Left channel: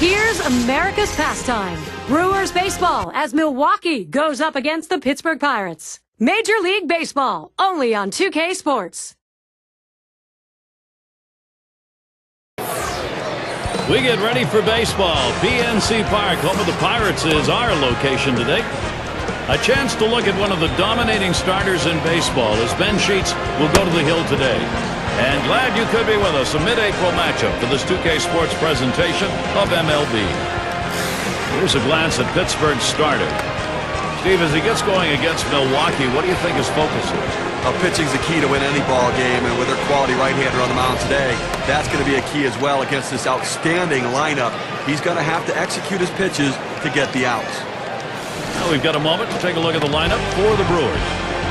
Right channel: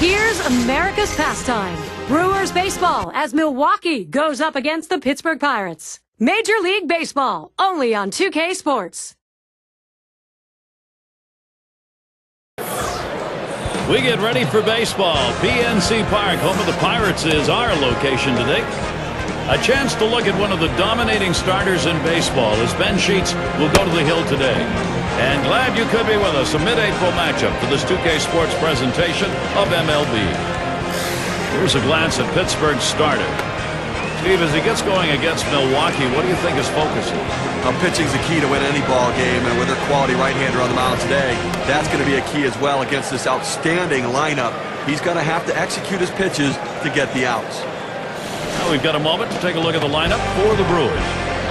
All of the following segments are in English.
Here's America's pastime. Brewers baseball as Milwaukee goes up against the Pittsburgh Pirates. Major League Baseball, only on 2K Sports. We get ready for baseball. PNC Park, home of the Pirates, is our location today. A chance to look at one of the dominating starters in baseball as Ben Sheets will go to the hill today. And glad you could be with us. A mid-April matchup for this 2K Sports presentation of MLB. Here's a glance at Pittsburgh's starter. Steve, as he gets going against Milwaukee, what do you think his focus is? Well, pitching's the key to win any ball game, and with their quality right-hander on the mound today, that's going to be a key as well against this outstanding lineup. He's going to have to execute his pitches to get the outs. Now we've got a moment to take a look at the lineup for the Brewers.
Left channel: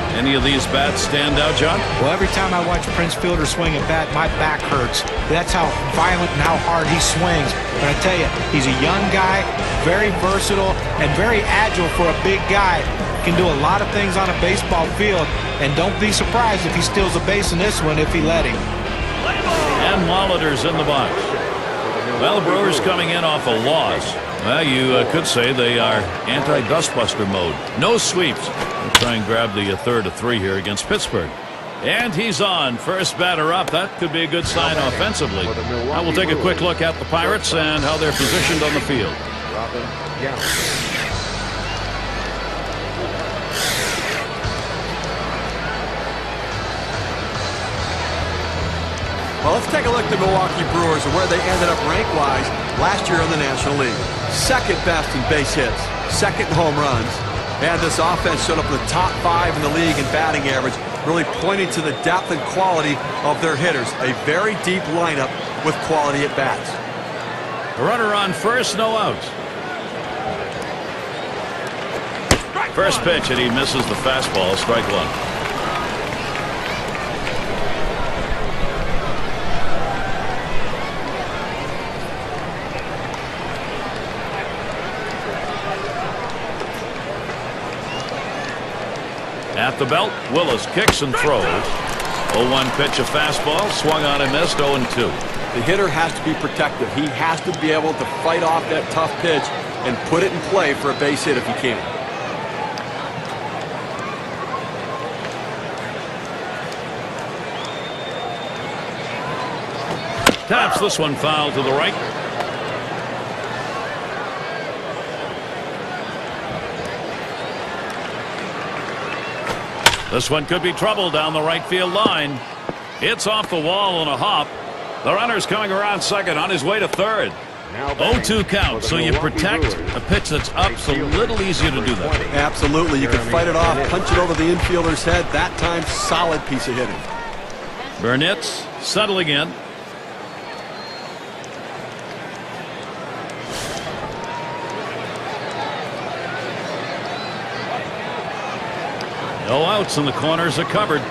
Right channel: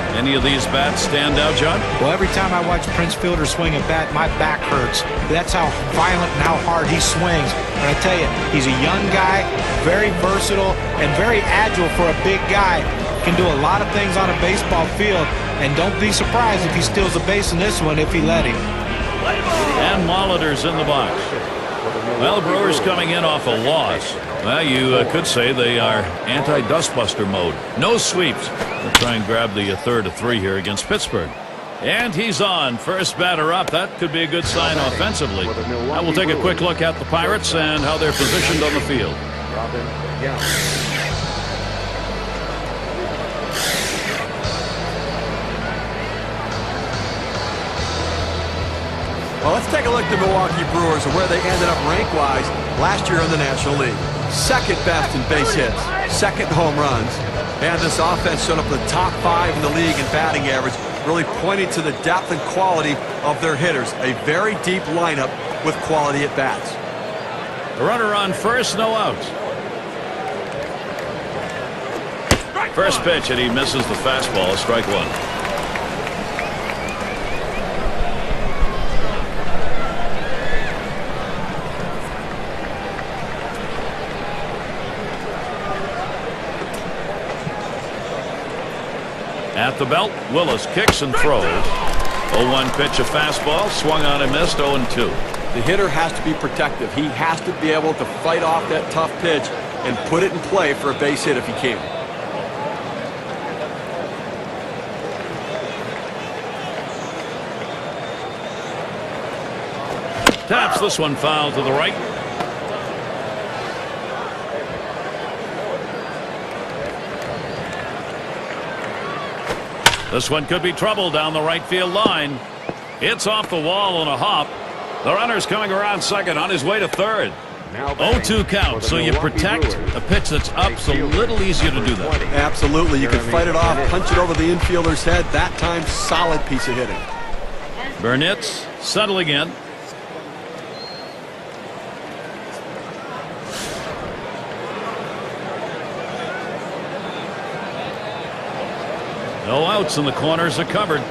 Any of these bats stand out, John? Well, every time I watch Prince Fielder swing a bat, my back hurts. That's how violent and how hard he swings. But I tell you, he's a young guy, very versatile, and very agile for a big guy. Can do a lot of things on a baseball field, and don't be surprised if he steals a base in this one if he let him. And Molitor's in the box. Well, the Brewers coming in off a loss. Well, you could say they are anti-dustbuster mode. No sweeps. They'll try and grab the third of three here against Pittsburgh. And he's on. First batter up. That could be a good sign offensively. Now we'll take a quick look at the Pirates and how they're positioned on the field. Well, let's take a look at the Milwaukee Brewers and where they ended up rank-wise last year in the National League. Second best in base hits, second in home runs, and this offense showed up in the top 5 in the league in batting average, really pointing to the depth and quality of their hitters. A very deep lineup with quality at bats. A runner on first, no outs. First pitch, and he misses the fastball. Strike one. At the belt, Willis kicks and throws. 0-1 pitch, a fastball, swung on and missed. 0-2. The hitter has to be protective. He has to be able to fight off that tough pitch and put it in play for a base hit if he can. Taps this one foul to the right. This one could be trouble down the right field line. It's off the wall on a hop. The runner's coming around second on his way to third. 0-2 count, so you protect a pitch that's up. It's a little easier to do that with. Absolutely. You can fight it off, punch it over the infielder's head. That time, solid piece of hitting. Burnett's settling in. No outs, and the corners are covered.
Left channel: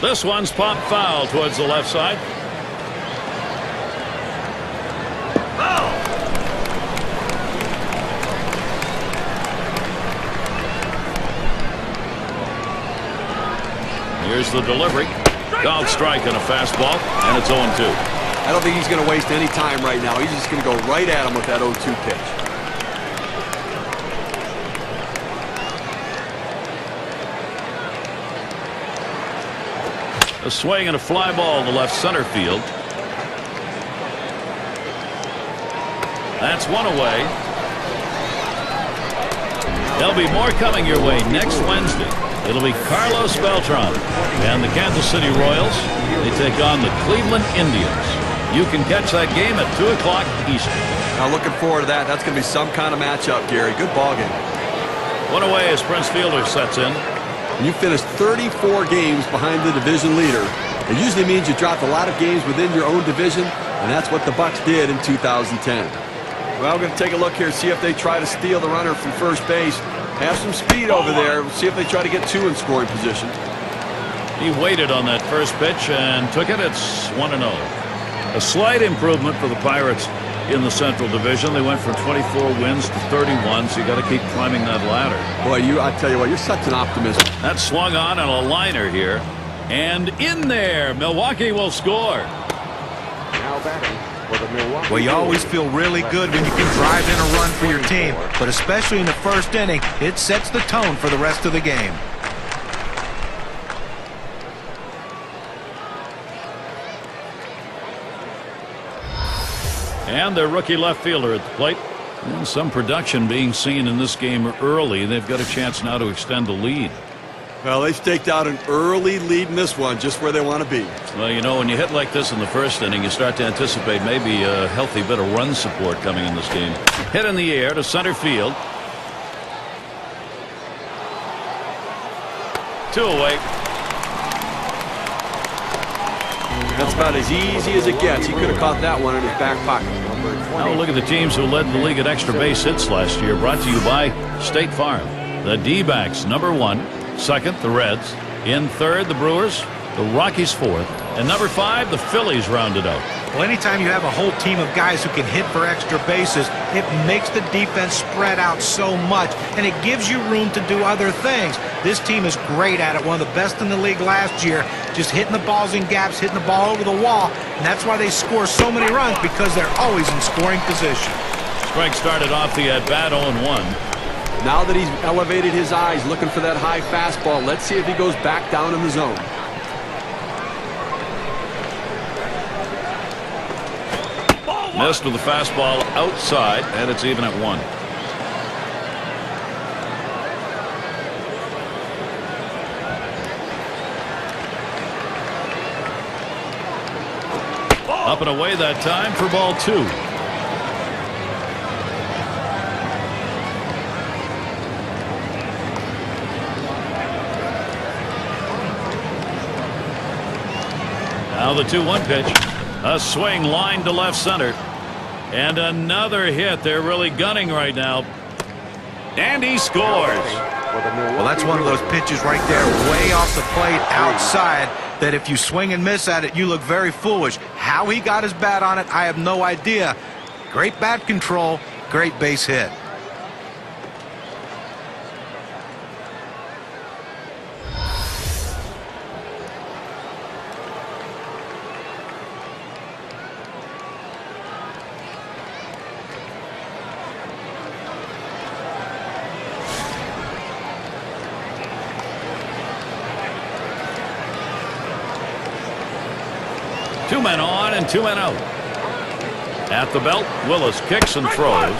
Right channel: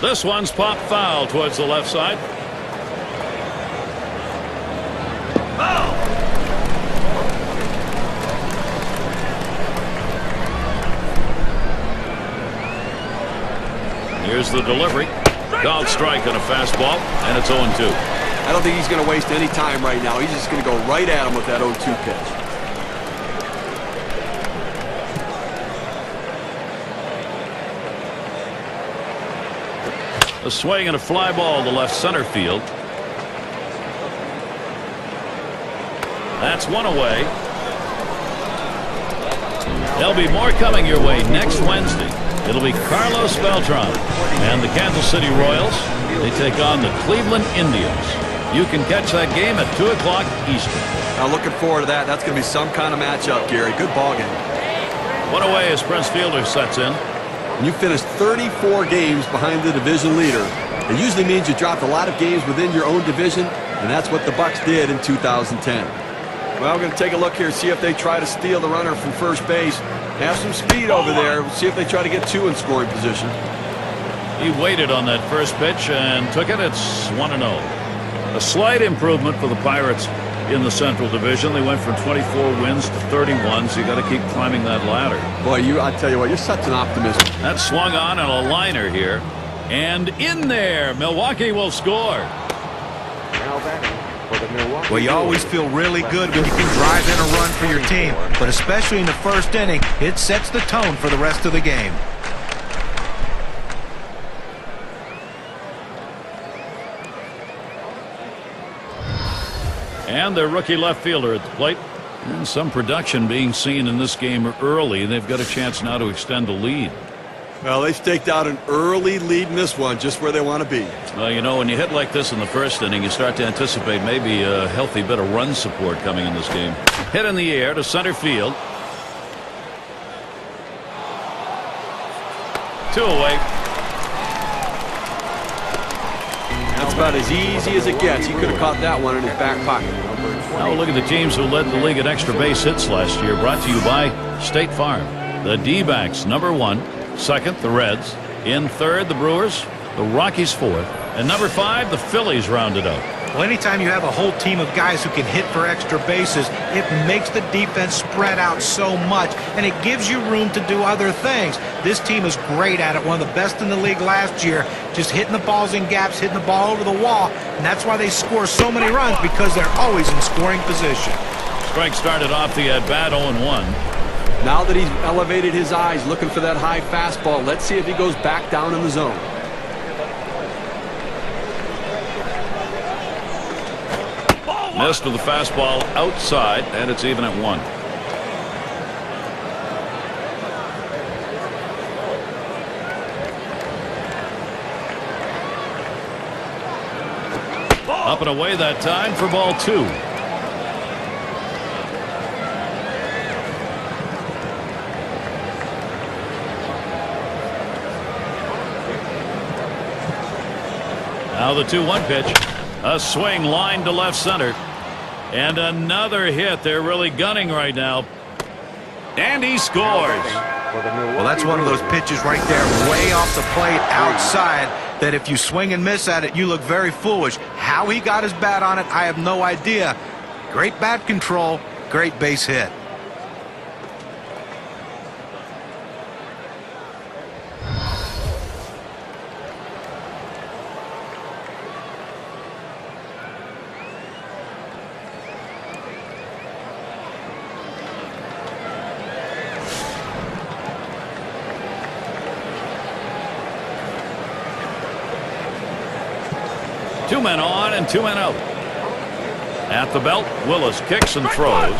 This one's popped foul towards the left side. Foul! Here's the delivery. Called strike on a fastball, and it's 0-2. I don't think he's going to waste any time right now. He's just going to go right at him with that 0-2 pitch. A swing and a fly ball to left center field. That's one away. There'll be more coming your way next Wednesday. It'll be Carlos Beltran and the Kansas City Royals. They take on the Cleveland Indians. You can catch that game at 2 o'clock Eastern. Now looking forward to that. That's going to be some kind of matchup, Gary. Good ball game. One away as Prince Fielder sets in. And you finished 34 games behind the division leader. It usually means you dropped a lot of games within your own division, and that's what the Bucks did in 2010. Well, we're going to take a look here, see if they try to steal the runner from first base. Have some speed over there. We'll see if they try to get 2 in scoring position. He waited on that first pitch and took it. It's 1-0. A slight improvement for the Pirates in the Central Division. They went from 24 wins to 31, so you got to keep climbing that ladder. Boy, I tell you what, you're such an optimist. That swung on a liner here. And in there, Milwaukee will score. Well, you always feel really good when you can drive in a run for your team, but especially in the first inning, it sets the tone for the rest of the game. And their rookie left fielder at the plate. And some production being seen in this game early. They've got a chance now to extend the lead. Well, they staked out an early lead in this one, just where they want to be. Well, you know, when you hit like this in the first inning, you start to anticipate maybe a healthy bit of run support coming in this game. Hit in the air to center field. 2 away. That's about as easy as it gets. He could have caught that one in his back pocket. Now we'll look at the teams who led the league at extra base hits last year. Brought to you by State Farm. The D-backs, number 1. Second, the Reds. In third, the Brewers. The Rockies fourth. And number 5, the Phillies rounded out. Well, anytime you have a whole team of guys who can hit for extra bases, it makes the defense spread out so much, and it gives you room to do other things. This team is great at it, one of the best in the league last year, just hitting the balls in gaps, hitting the ball over the wall, and that's why they score so many runs, because they're always in scoring position. Strike started off the at-bat 0-1. Now that he's elevated his eyes looking for that high fastball, let's see if he goes back down in the zone. Missed with the fastball outside, and it's even at 1. Up and away that time for ball 2. Now the 2-1 pitch. A swing line to left center. And another hit. They're really gunning right now. And he scores. Well, that's one of those pitches right there, way off the plate outside, that if you swing and miss at it, you look very foolish. How he got his bat on it, I have no idea. Great bat control, great base hit. Two men on and 2 men out. At the belt, Willis kicks and throws.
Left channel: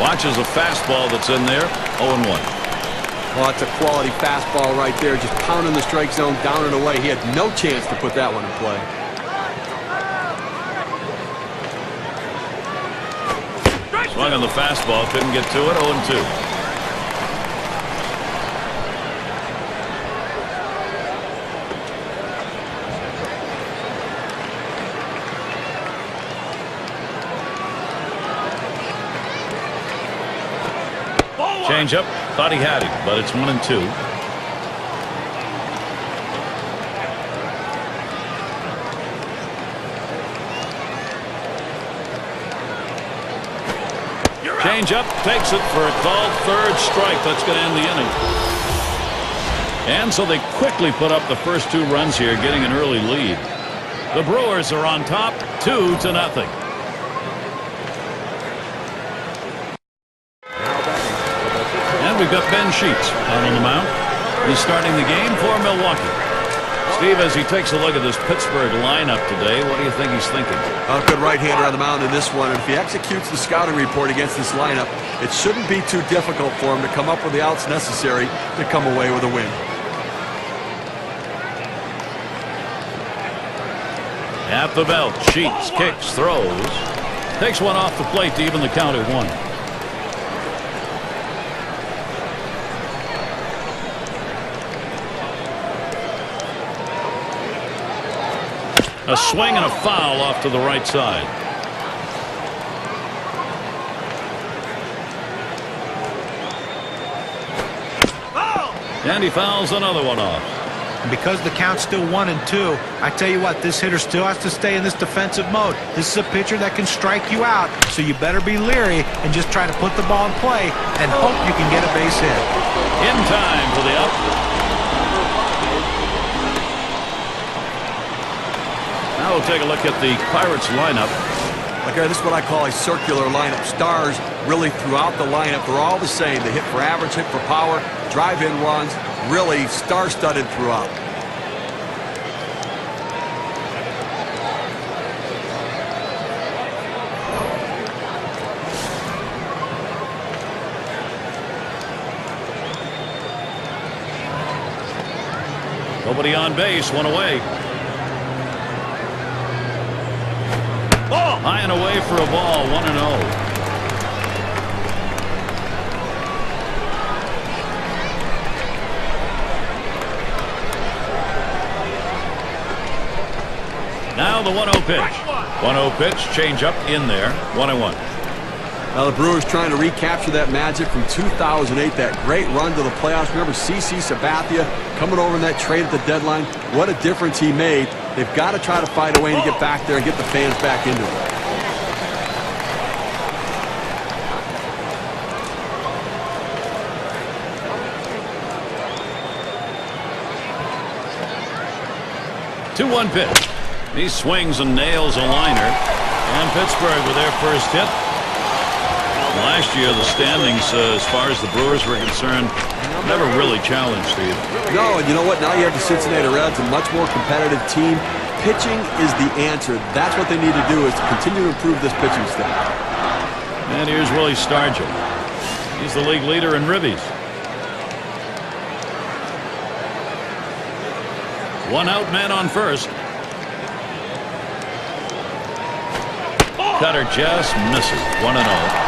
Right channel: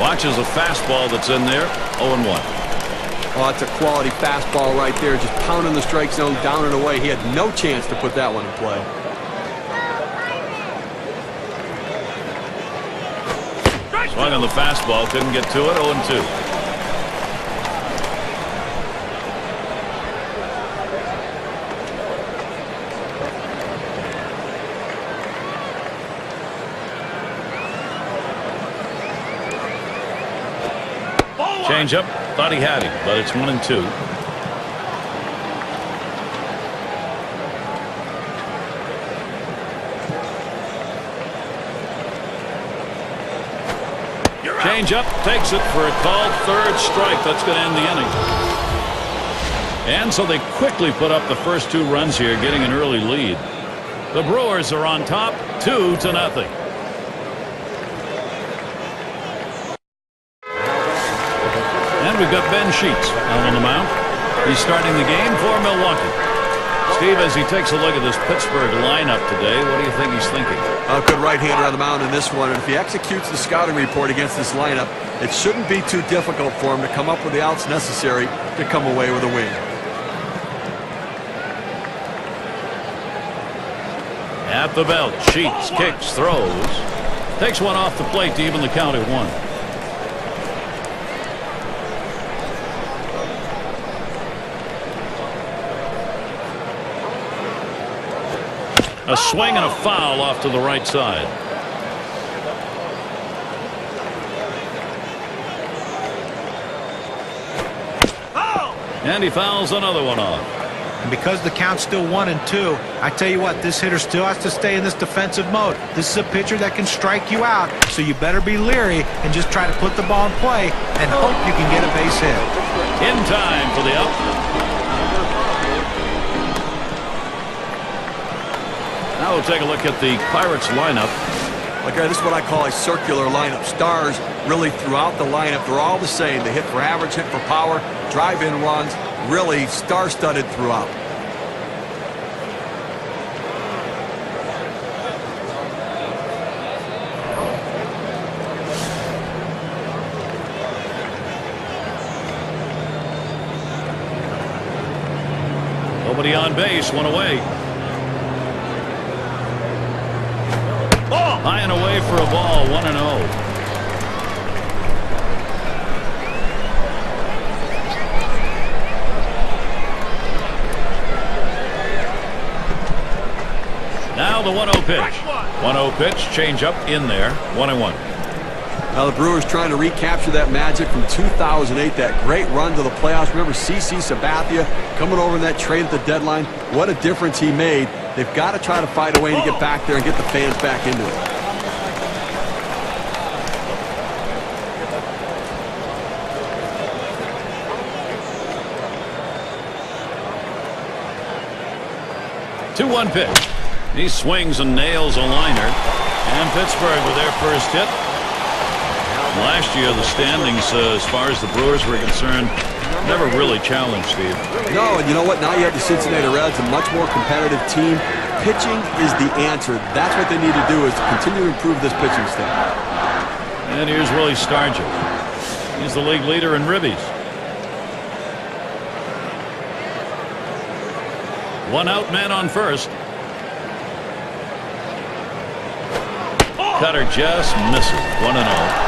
Watches a fastball that's in there. 0-1. Oh, that's a quality fastball right there, just pounding the strike zone down and away. He had no chance to put that one in play. Swung on the fastball, couldn't get to it. 0-2. Change up, thought he had him, but it's 1-2. Change up, takes it for a called third strike. That's going to end the inning. And so they quickly put up the first 2 runs here, getting an early lead. The Brewers are on top, 2-0. And we've got Ben Sheets out on the mound. He's starting the game for Milwaukee. Steve, as he takes a look at this Pittsburgh lineup today, what do you think he's thinking? A good right-hander on the mound in this one, and if he executes the scouting report against this lineup, it shouldn't be too difficult for him to come up with the outs necessary to come away with a win. At the belt, Sheets kicks, throws. Takes one off the plate to even the count at 1. A swing and a foul off to the right side. And he fouls another one off. And because the count's still 1-2, I tell you what, this hitter still has to stay in this defensive mode. This is a pitcher that can strike you out, so you better be leery and just try to put the ball in play and hope you can get a base hit. In time for the out. Now we'll take a look at the Pirates lineup. This is what I call a circular lineup. Stars really throughout the lineup. They're all the same. They hit for average, hit for power, drive-in runs, really star-studded throughout. Nobody on base, one away. High and away for a ball, 1-0. Now the 1-0 pitch. 1-0 pitch, change up in there, 1-1. Now the Brewers trying to recapture that magic from 2008, that great run to the playoffs. Remember CC Sabathia coming over in that trade at the deadline. What a difference he made. They've got to try to find a way to get back there and get the fans back into it. Two-one pitch. He swings and nails a liner. And Pittsburgh with their first hit. Last year, the standings, as far as the Brewers were concerned, never really challenged, Steve. No, and you know what? Now you have the Cincinnati Reds, a much more competitive team. Pitching is the answer. That's what they need to do, is to continue to improve this pitching staff. And here's Willie Stargell. He's the league leader in ribbies. One out, man on first. Cutter just misses. 1-0.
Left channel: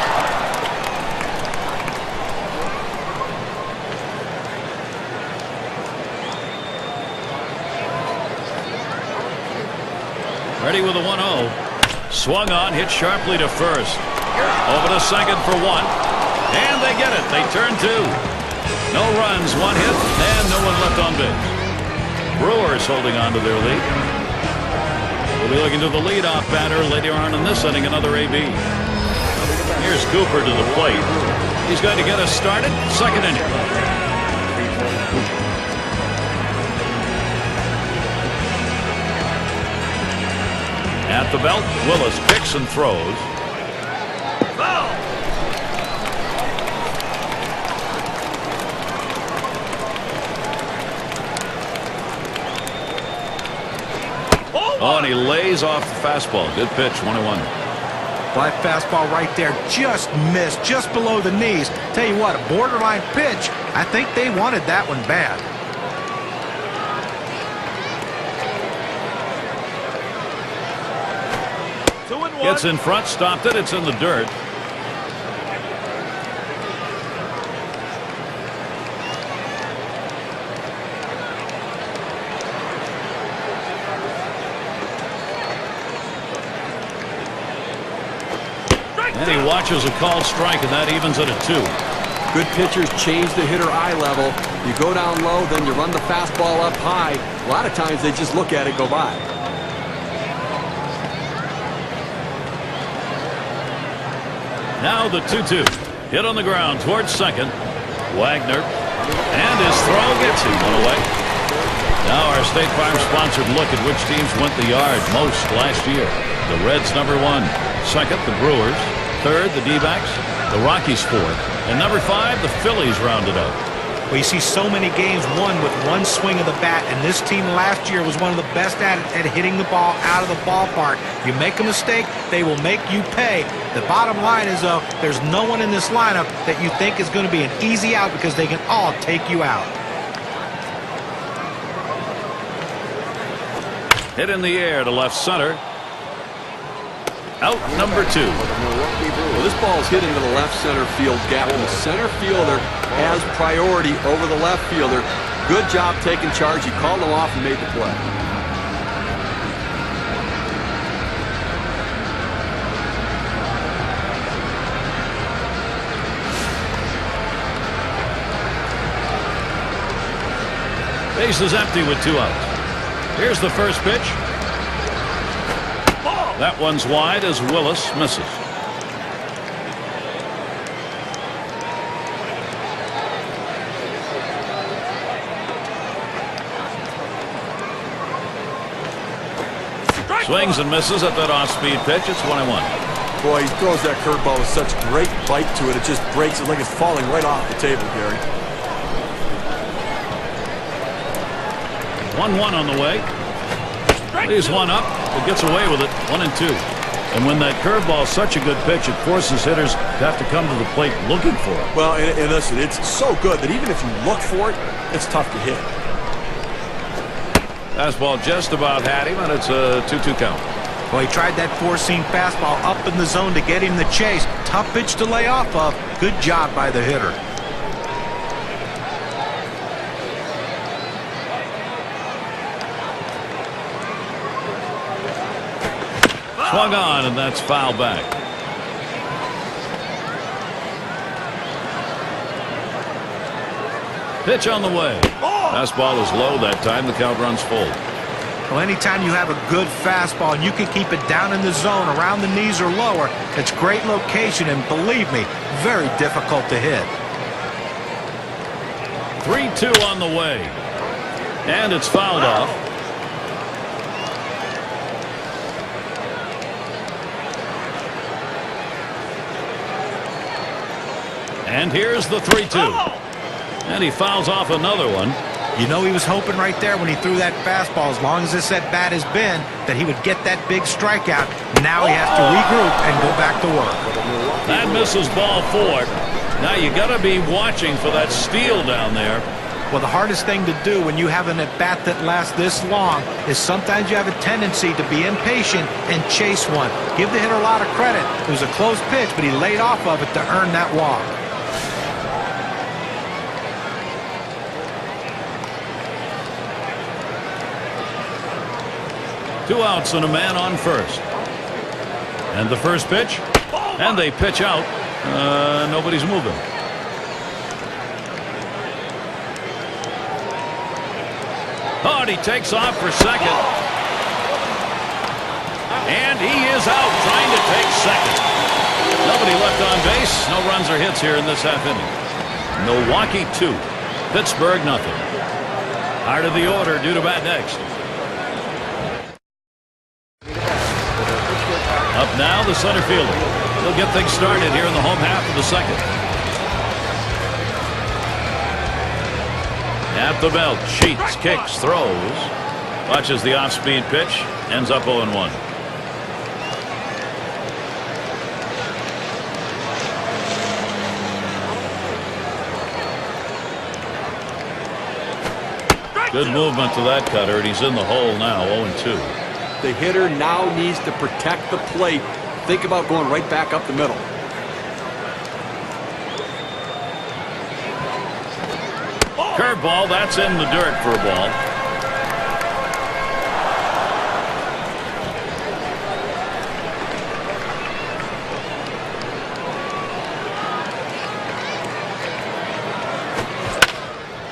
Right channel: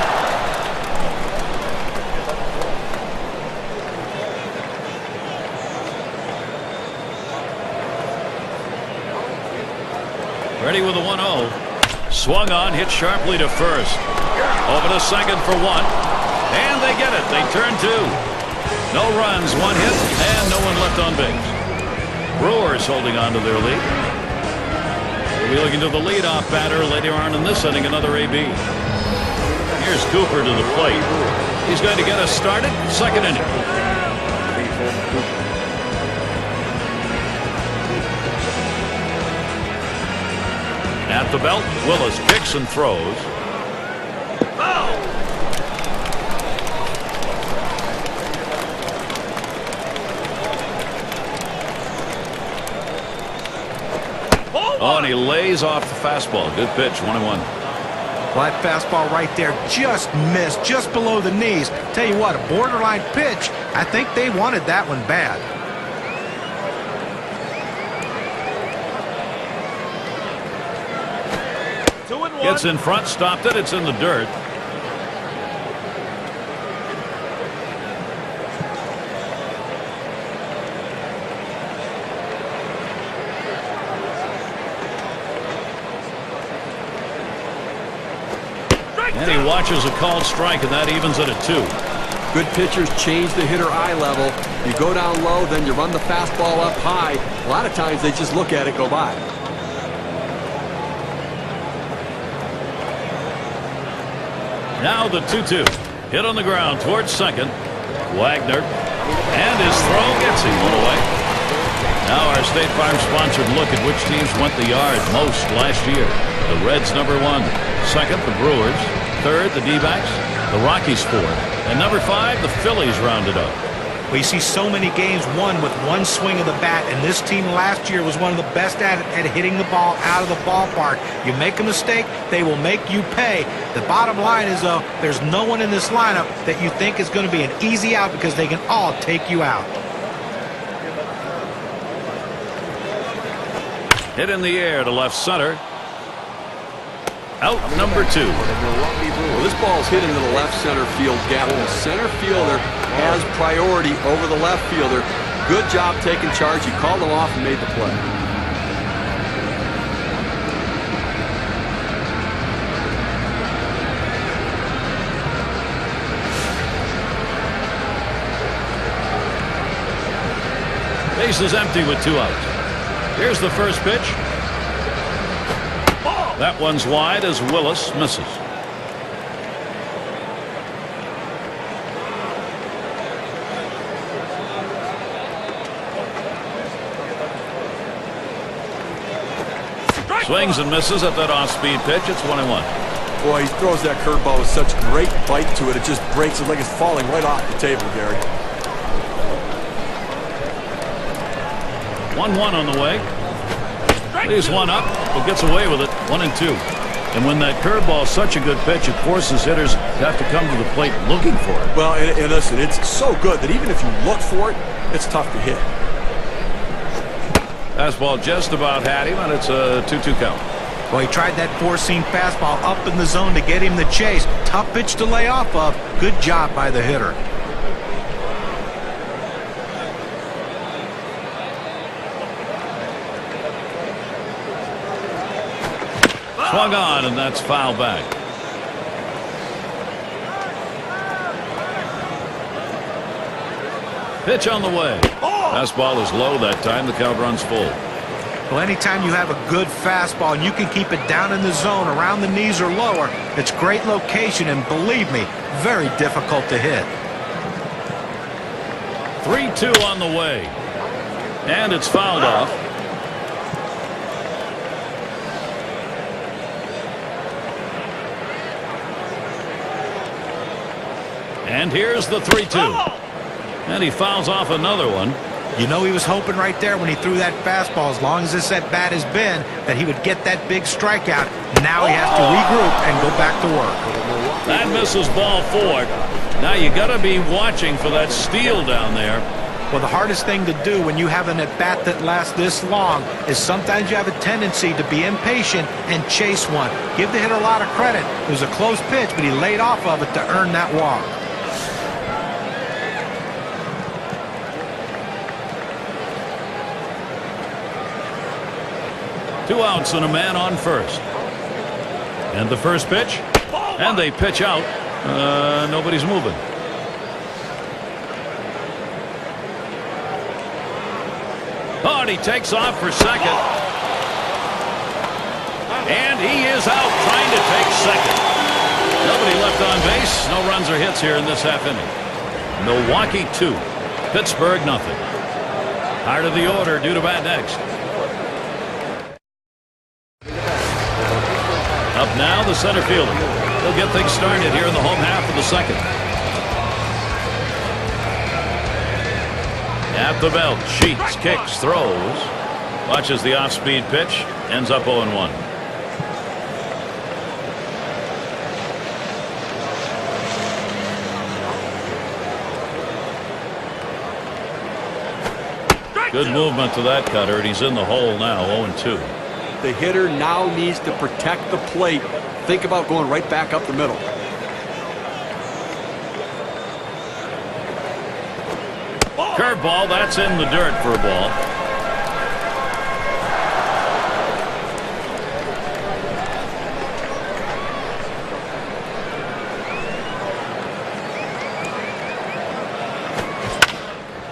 Ready with a 1-0. Swung on, hit sharply to first. Over to second for one. And they get it. They turn two. No runs, one hit, and no one left on base. Brewers holding on to their lead. We'll be looking to the leadoff batter later on in this inning, another AB. Here's Cooper to the plate. He's going to get us started. Second inning. At the belt, Willis kicks and throws. Foul! Oh, and he lays off the fastball. Good pitch, 1-1. That fastball right there just missed, just below the knees. Tell you what, a borderline pitch. I think they wanted that one bad. Gets in front, stopped it. It's in the dirt. And he watches a called strike, and that evens it at 2. Good pitchers change the hitter eye level. You go down low, then you run the fastball up high. A lot of times they just look at it go by. Now the 2-2. Hit on the ground towards second. Wagner. And his throw gets him one away. Now our State Farm sponsored look at which teams went the yard most last year. The Reds number 1. Second, the Brewers. Third, the D-backs. The Rockies fourth. And number 5, the Phillies rounded out. Well, you see so many games won with one swing of the bat, and this team last year was one of the best at it, at hitting the ball out of the ballpark. You make a mistake, they will make you pay. The bottom line is, though, there's no one in this lineup that you think is going to be an easy out because they can all take you out. Hit in the air to left center. Out number 2. Well, this ball is hit into the left center field gap, and the center fielder has priority over the left fielder. Good job taking charge. He called him off and made the play. Base is empty with 2 outs. Here's the first pitch. That one's wide as Willis misses. Swings and misses at that off-speed pitch. It's 1-1. Boy, he throws that curveball with such great bite to it. It just breaks it like it's falling right off the table, Gary. 1-1 on the way. Leaves one up, but gets away with it. 1-2. And when that curveball is such a good pitch, it forces hitters to have to come to the plate looking for it. Well, and listen, it's so good that even if you look for it, it's tough to hit. Fastball just about had him, and it's a 2-2 count. Well, he tried that four-seam fastball up in the zone to get him the chase. Tough pitch to lay off of. Good job by the hitter. Swung on, and that's foul back. Pitch on the way. Fastball is low that time. The count runs full. Well, anytime you have a good fastball and you can keep it down in the zone around the knees or lower, it's great location, and believe me, very difficult to hit. 3-2 on the way. And it's fouled off. And here's the 3-2. And he fouls off another one. You know he was hoping right there when he threw that fastball, as long as this at bat has been, that he would get that big strikeout. Now he has to regroup and go back to work. That misses ball 4. Now you got to be watching for that steal down there. Well, the hardest thing to do when you have an at-bat that lasts this long is sometimes you have a tendency to be impatient and chase one. Give the hitter a lot of credit. It was a close pitch, but he laid off of it to earn that walk. Two outs and a man on first. And the first pitch. And they pitch out. Nobody's moving. Oh, and he takes off for second. And he is out trying to take second. Nobody left on base. No runs or hits here in this half inning. Milwaukee 2. Pittsburgh nothing. Heart of the order due to bat next. Up now, the center fielder. He'll get things started here in the home half of the second. At the belt, Sheets, kicks, throws. Watches the off-speed pitch. Ends up 0-1. Good movement to that cutter, and he's in the hole now, 0-2. The hitter now needs to protect the plate. Think about going right back up the middle. Curveball, that's in the dirt for a ball.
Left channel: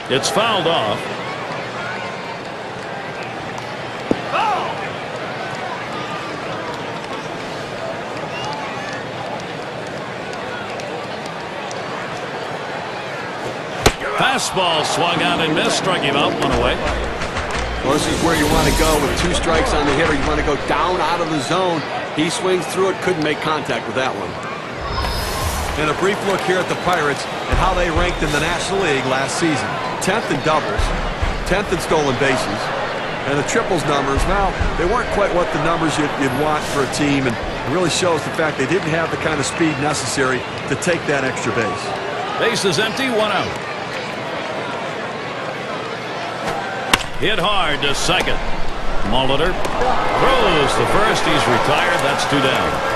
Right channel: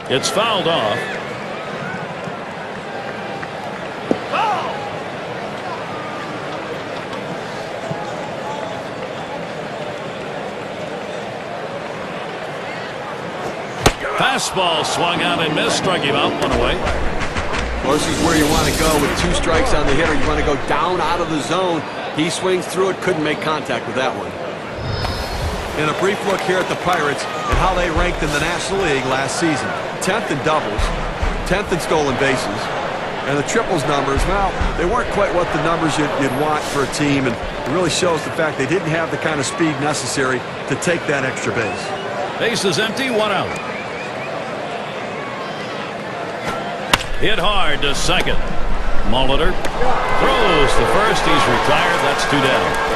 It's fouled off. Fastball swung out and missed. Struck him out. One away. Well, this is where you want to go with 2 strikes on the hitter. You want to go down out of the zone. He swings through it. Couldn't make contact with that one. And a brief look here at the Pirates and how they ranked in the National League last season. 10th in doubles, 10th in stolen bases, and the triples numbers, well, they weren't quite what the numbers you'd want for a team, and it really shows the fact they didn't have the kind of speed necessary to take that extra base. Base is empty, 1 out. Hit hard to second. Molitor throws to first. He's retired. That's 2 down.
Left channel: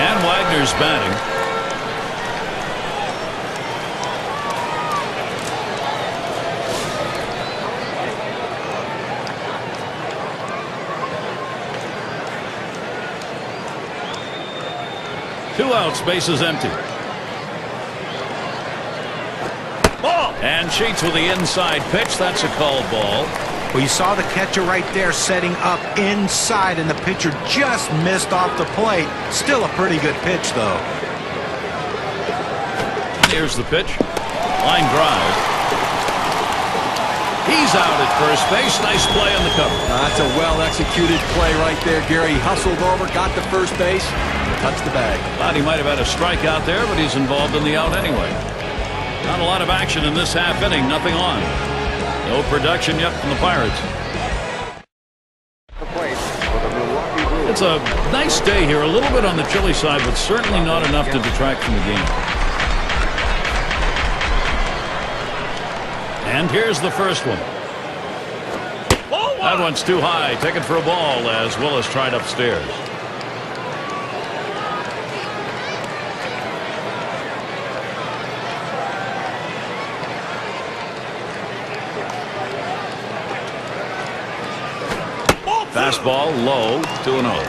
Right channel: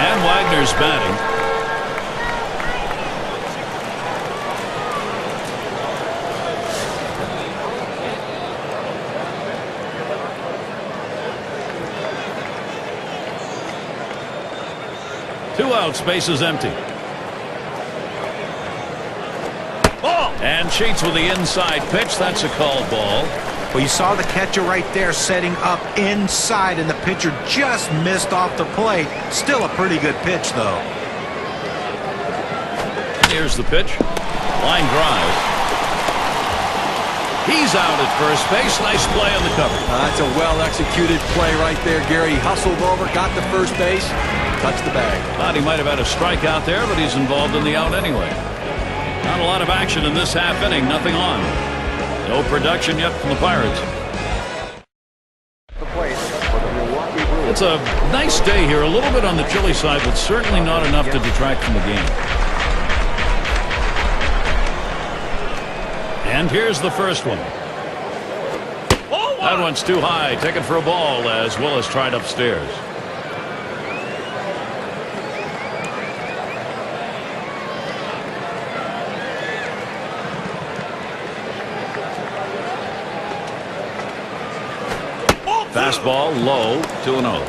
And Wagner's batting. Two outs, base is empty. Ball. And Sheets with the inside pitch. That's a called ball. Well, you saw the catcher right there setting up inside, and the pitcher just missed off the plate. Still a pretty good pitch, though. Here's the pitch. Line drive. He's out at first base. Nice play on the cover. That's a well-executed play right there, Gary. He hustled over, got to first base, touched the bag. Thought he might have had a strikeout there, but he's involved in the out anyway. Not a lot of action in this half inning. Nothing on. No production yet from the Pirates. It's a nice day here. A little bit on the chilly side, but certainly not enough to detract from the game. And here's the first one. That one's too high. Taken for a ball as Willis tried upstairs. Fastball low, 2-0.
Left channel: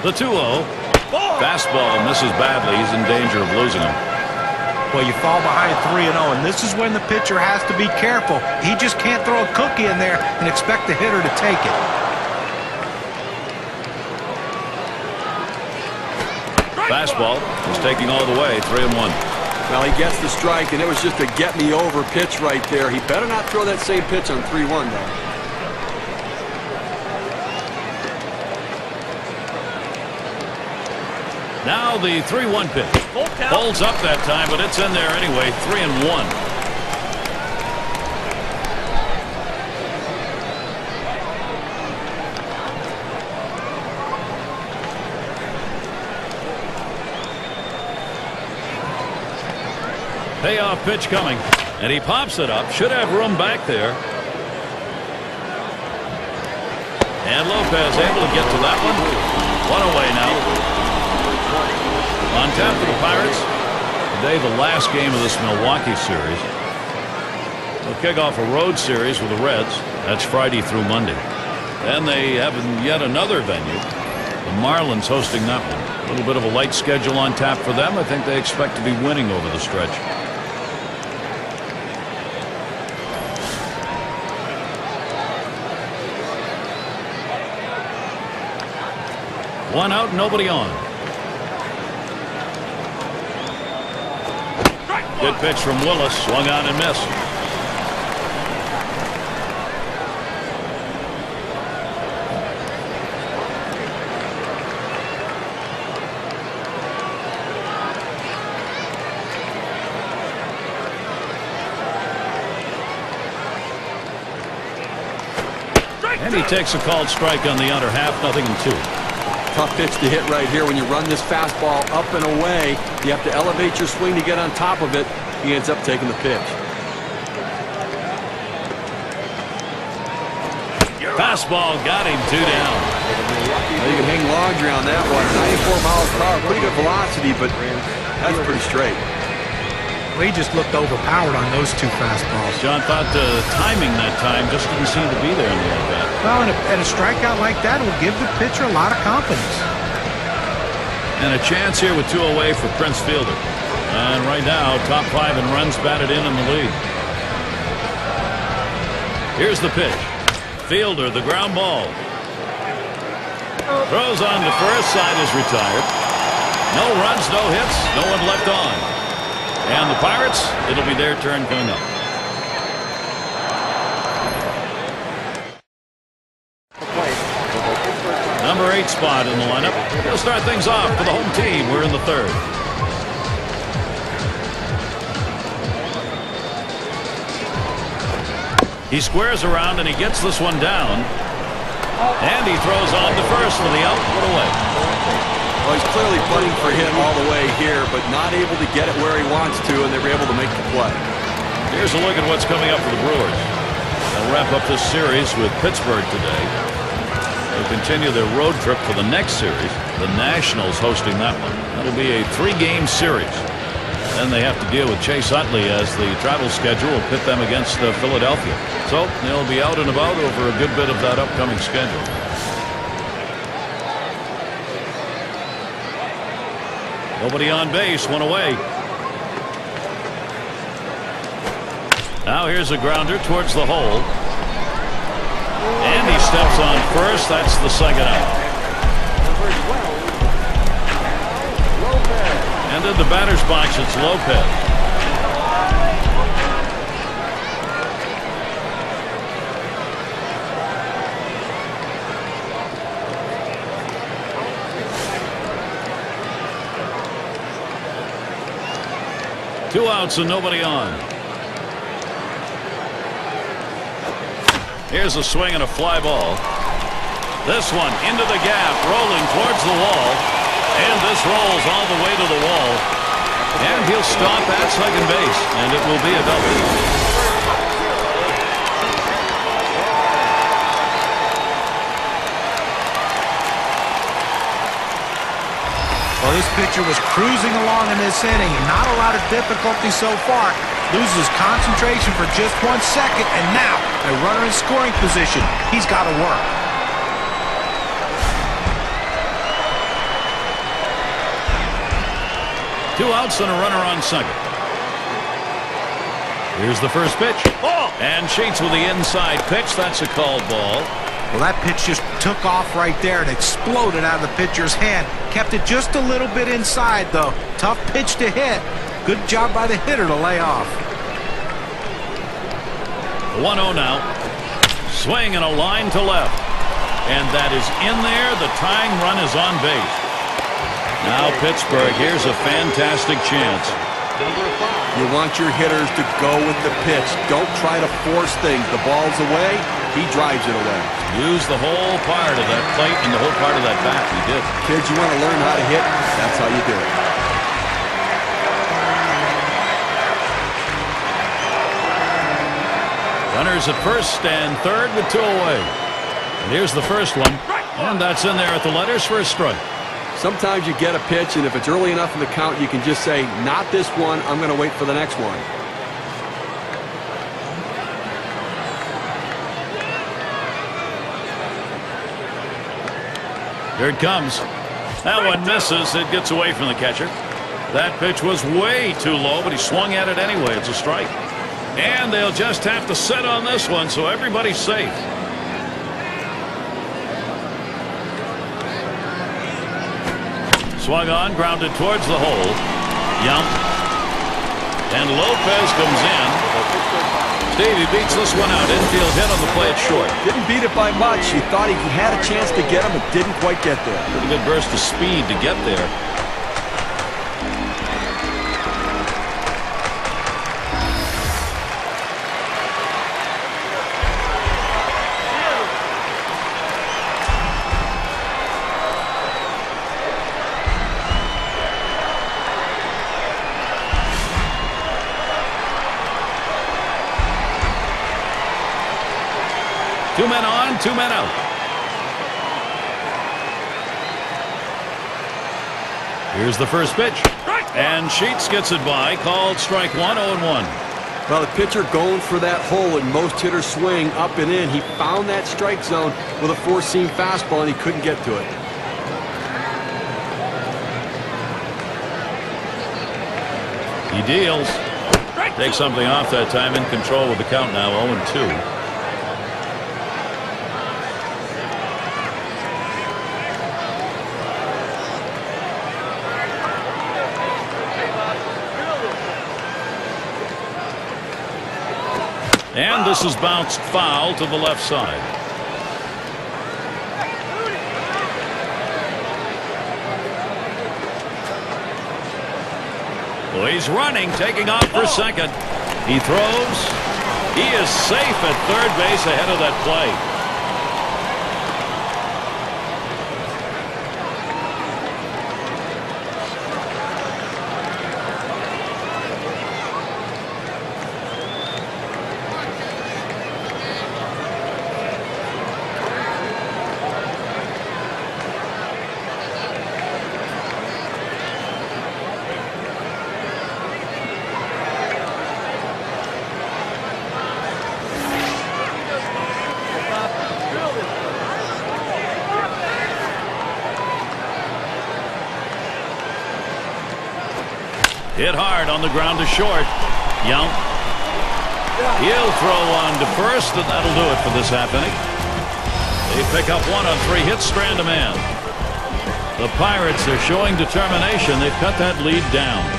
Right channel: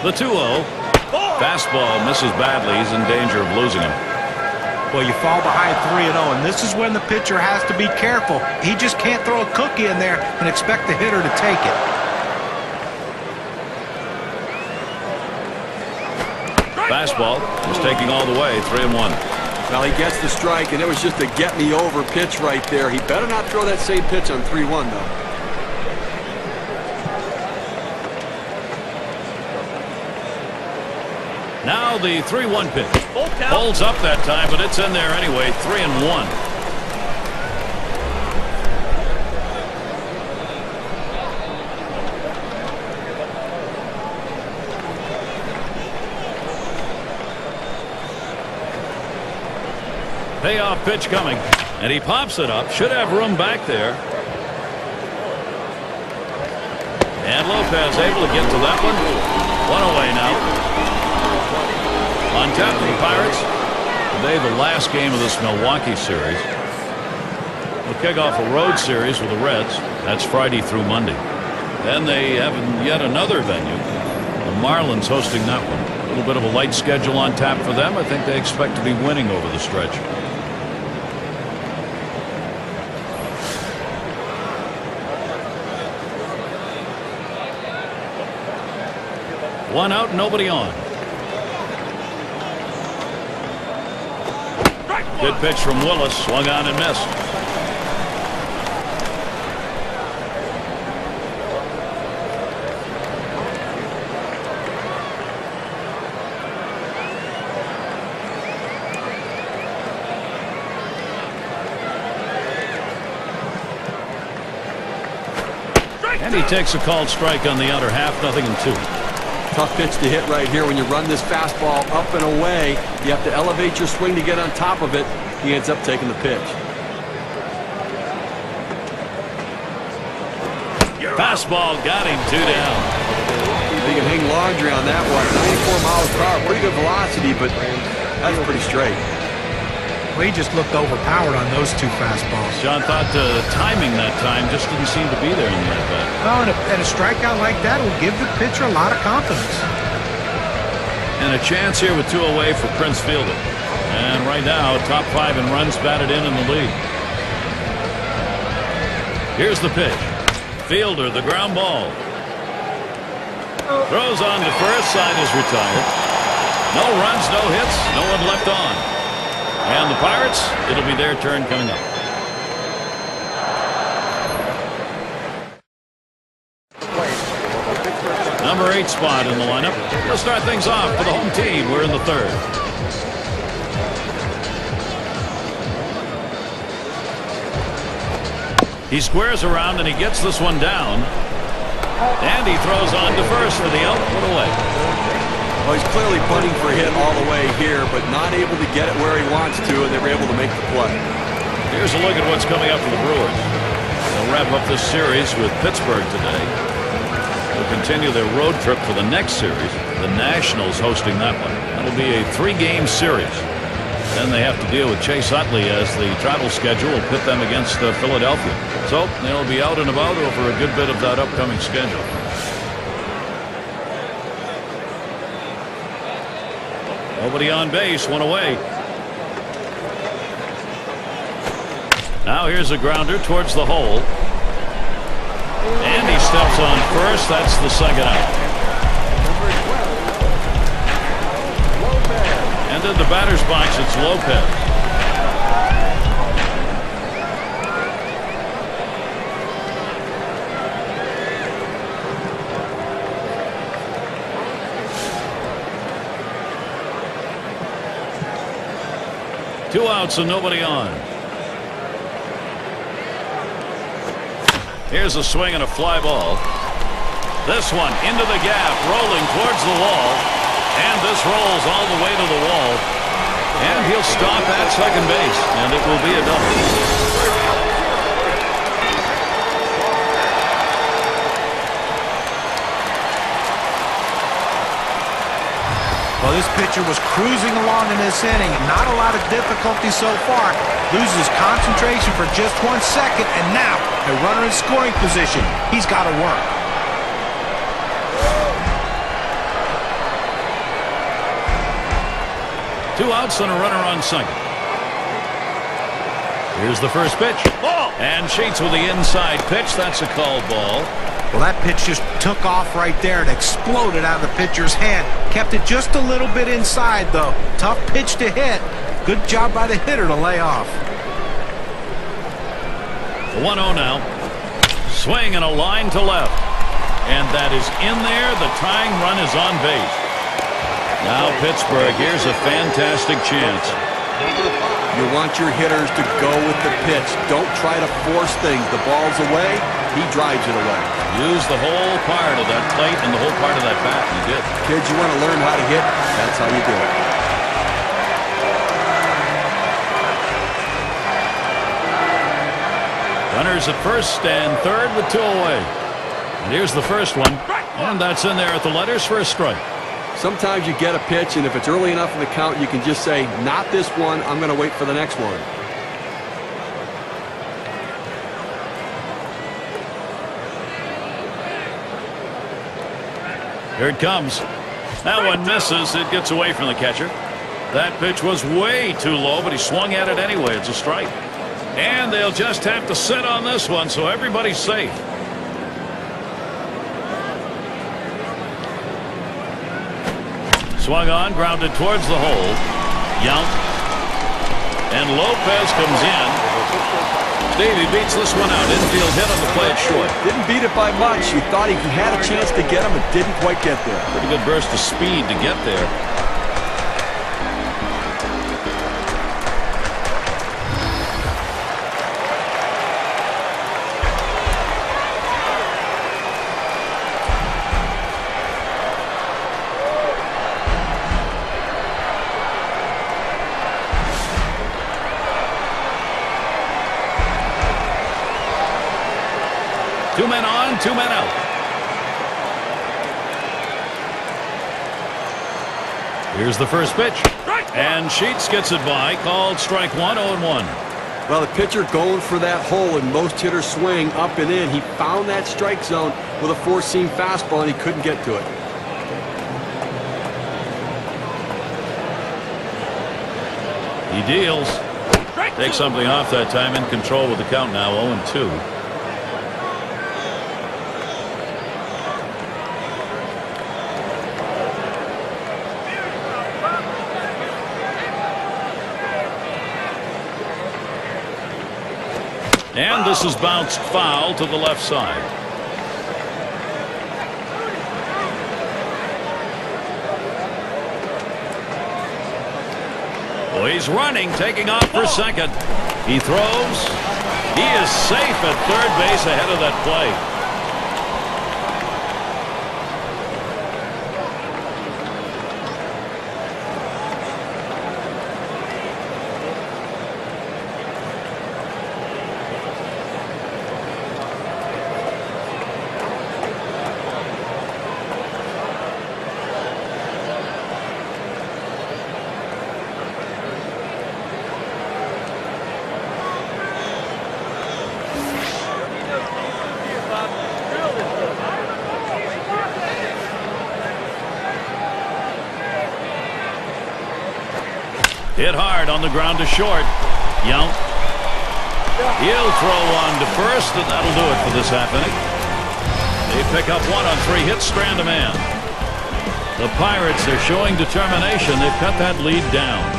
The 2-0. Fastball misses badly. He's in danger of losing him. Well, you fall behind 3-0, and this is when the pitcher has to be careful. He just can't throw a cookie in there and expect the hitter to take it. Fastball is taking all the way, 3-1. Well, he gets the strike, and it was just a get-me-over pitch right there. He better not throw that same pitch on 3-1, though. Now the 3-1 pitch. Holds up that time, but it's in there anyway. 3-1. Payoff pitch coming, and he pops it up. Should have room back there. And Lopez able to get to that one. One away now. On tap for the Pirates. Today the last game of this Milwaukee series. They'll kick off a road series with the Reds. That's Friday through Monday. Then they have yet another venue. The Marlins hosting that one. A little bit of a light schedule on tap for them. I think they expect to be winning over the stretch. One out, nobody on. Good pitch from Willis. Swung on and missed. And he takes a called strike on the outer half. 0-2. Tough pitch to hit right here. When you run this fastball up and away, you have to elevate your swing to get on top of it. He ends up taking the pitch. Fastball got him 2 down. Well, you can hang laundry on that one. 94 miles per hour, pretty good velocity, but that's pretty straight. Well, he just looked overpowered on those two fastballs. John thought timing that time just didn't seem to be there in the at-bat. Well, and a strikeout like that will give the pitcher a lot of confidence. And a chance here with 2 away for Prince Fielder. And right now, top 5 in runs batted in the league. Here's the pitch. Fielder, the ground ball. Throws on to first. Side is retired. No runs, no hits, no one left on. And the Pirates, it'll be their turn coming up. Number 8 spot in the lineup. He'll start things off for the home team. We're in the 3rd. He squares around and he gets this one down. And he throws on to first for the out. Put away. Well, he's clearly bunting for a hit all the way here, but not able to get it where he wants to, and they were able to make the play. Here's a look at what's coming up for the Brewers. They'll wrap up this series with Pittsburgh today. They'll continue their road trip for the next series. The Nationals hosting that one. That'll be a 3-game series. Then they have to deal with Chase Utley as the travel schedule will pit them against Philadelphia. So they'll be out and about over a good bit of that upcoming schedule. Nobody on base, one away. Now here's a grounder towards the hole. And he steps on first. That's the second out. And in the batter's box, it's Lopez. Two outs and nobody on. Here's a swing and a fly ball. This one into the gap, rolling towards the wall. And this rolls all the way to the wall. And he'll stop at second base, and it will be a double. Well, this pitcher was cruising along in this inning. Not a lot of difficulty so far. Loses concentration for just 1 second, and now a runner in scoring position. He's got to work. Two outs and a runner on second. Here's the first pitch. Ball. And Sheets with the inside pitch. That's a called ball. Well, that pitch just took off right there and exploded out of the pitcher's hand. Kept it just a little bit inside, though. Tough pitch to hit. Good job by the hitter to lay off. The 1-0 now. Swing and a line to left. And that is in there. The tying run is on base. Now Pittsburgh, here's a fantastic chance. You want your hitters to go with the pitch. Don't try to force things. The ball's away. He drives it away. Use the whole part of that plate and the whole part of that bat. He did. Kids, you want to learn how to hit? That's how you do it. Runners at first and third with two away. And here's the first one. And that's in there at the letters for a strike. Sometimes you get a pitch, and if it's early enough in the count, you can just say, not this one, I'm going to wait for the next one. Here it comes. That one misses. It gets away from the catcher. That pitch was way too low, but he swung at it anyway. It's a strike. And they'll just have to sit on this one, so everybody's safe. Swung on, grounded towards the hole. Yount. And Lopez comes in. Stevie beats this one out. Infield hit on the play at short. Didn't beat it by much. You thought he had a chance to get him, but didn't quite get there. Pretty good burst of speed to get there. Two men on, two men out. Here's the first pitch. And Sheets gets it by. Called strike one, 0-1. Well, the pitcher going for that hole, and most hitters swing up and in. He found that strike zone with a four-seam fastball, and he couldn't get to it. He deals. Takes something off that time. In control with the count now, 0-2. And this is bounced foul to the left side. Well, he's running, taking off for second. He throws. He is safe at third base ahead of that play. Hit hard on the ground to short. Yount. He'll throw one to first, and that'll do it for this half inning. They pick up 1 on 3 hits, strand a man. The Pirates are showing determination. They've cut that lead down.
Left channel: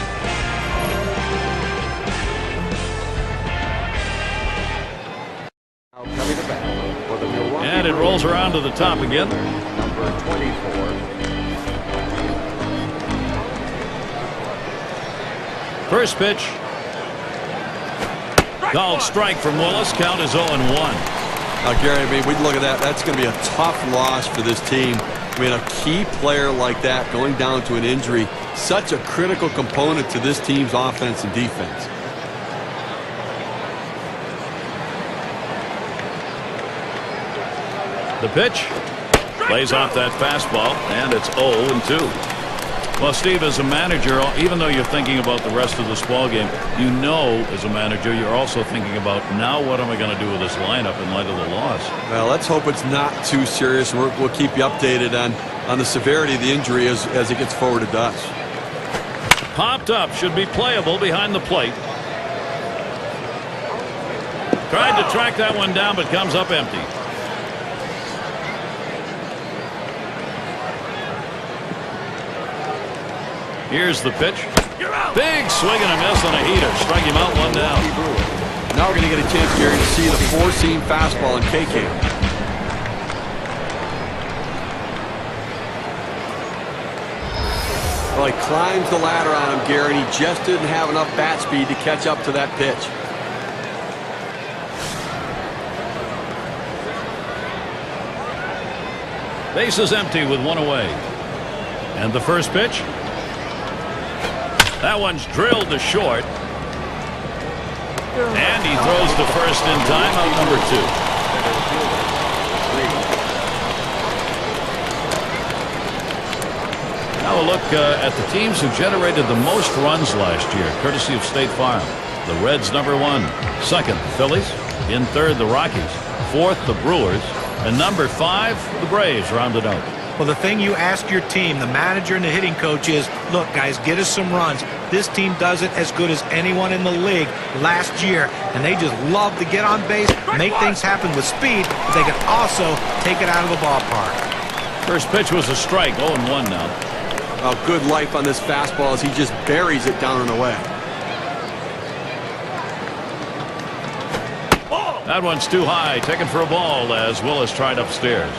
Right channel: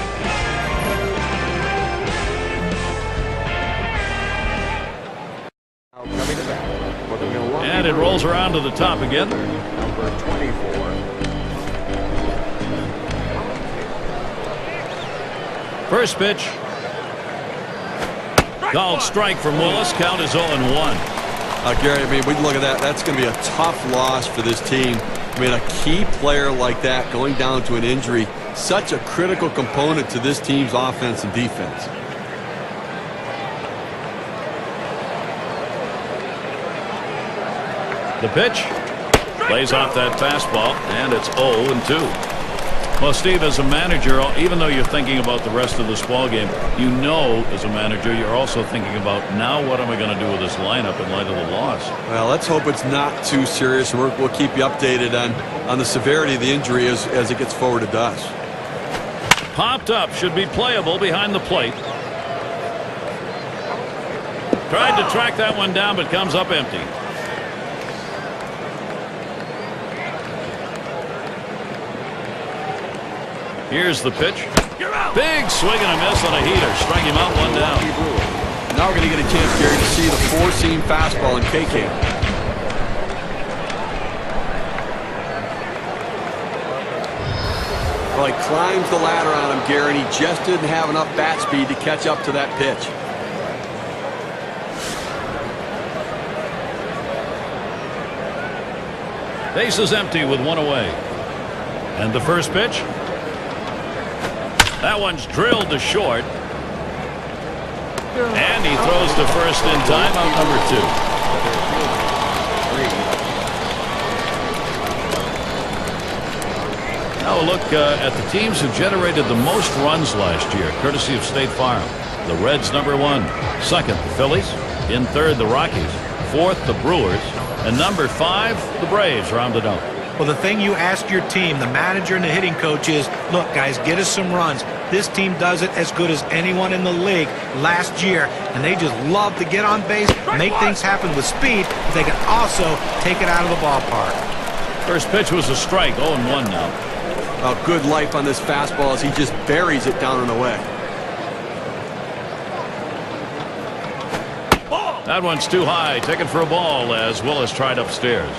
And it rolls around to the top again. First pitch. Called strike from Willis. Count is 0-1. Gary, I mean, we look at that. That's going to be a tough loss for this team. I mean, a key player like that going down to an injury, such a critical component to this team's offense and defense. The pitch lays off that fastball, and it's 0-2. Well, Steve, as a manager, even though you're thinking about the rest of this ball game, you know, as a manager, you're also thinking about, now what am I going to do with this lineup in light of the loss? Well, let's hope it's not too serious, and we'll keep you updated on the severity of the injury as it gets forwarded to us. Popped up, should be playable behind the plate. Tried to track that one down, but comes up empty. Here's the pitch. Big swing and a miss on a heater. Strike him out, 1 down. Now we're going to get a chance, Gary, to see the 4-seam fastball in K-Cam. Well, he climbs the ladder on him, Gary, and he just didn't have enough bat speed to catch up to that pitch. Base is empty with 1 away. And the first pitch. That one's drilled to short. And he throws to first in time, out number 2. Now a look at the teams who generated the most runs last year, courtesy of State Farm. The Reds, number 1. Second, the Phillies. In third, the Rockies. Fourth, the Brewers. And number 5, the Braves rounded out. Well, the thing you ask your team, the manager and the hitting coach, is, look, guys, get us some runs. This team does it as good as anyone in the league last year, and they just love to get on base, make things happen with speed, but they can also take it out of the ballpark. First pitch was a strike, 0-1 now. Oh, good life on this fastball as he just buries it down and away. That one's too high, taken for a ball as Willis tried upstairs.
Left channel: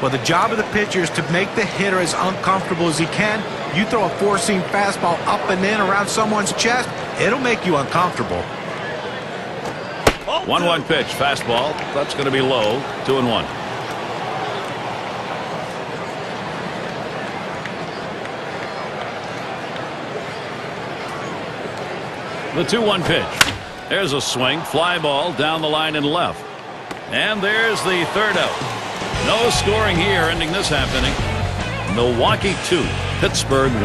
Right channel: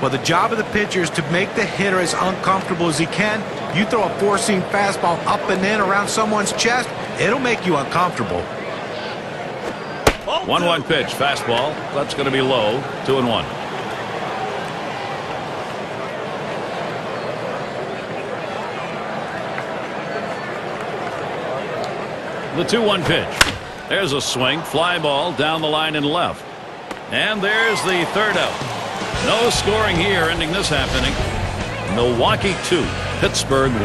Well, the job of the pitcher is to make the hitter as uncomfortable as he can. You throw a 4-seam fastball up and in around someone's chest, it'll make you uncomfortable. 1-1 pitch, fastball. That's going to be low, 2-1. The 2-1 pitch. There's a swing, fly ball down the line and left. And there's the third out. No scoring here, ending this half inning. Milwaukee 2, Pittsburgh 1.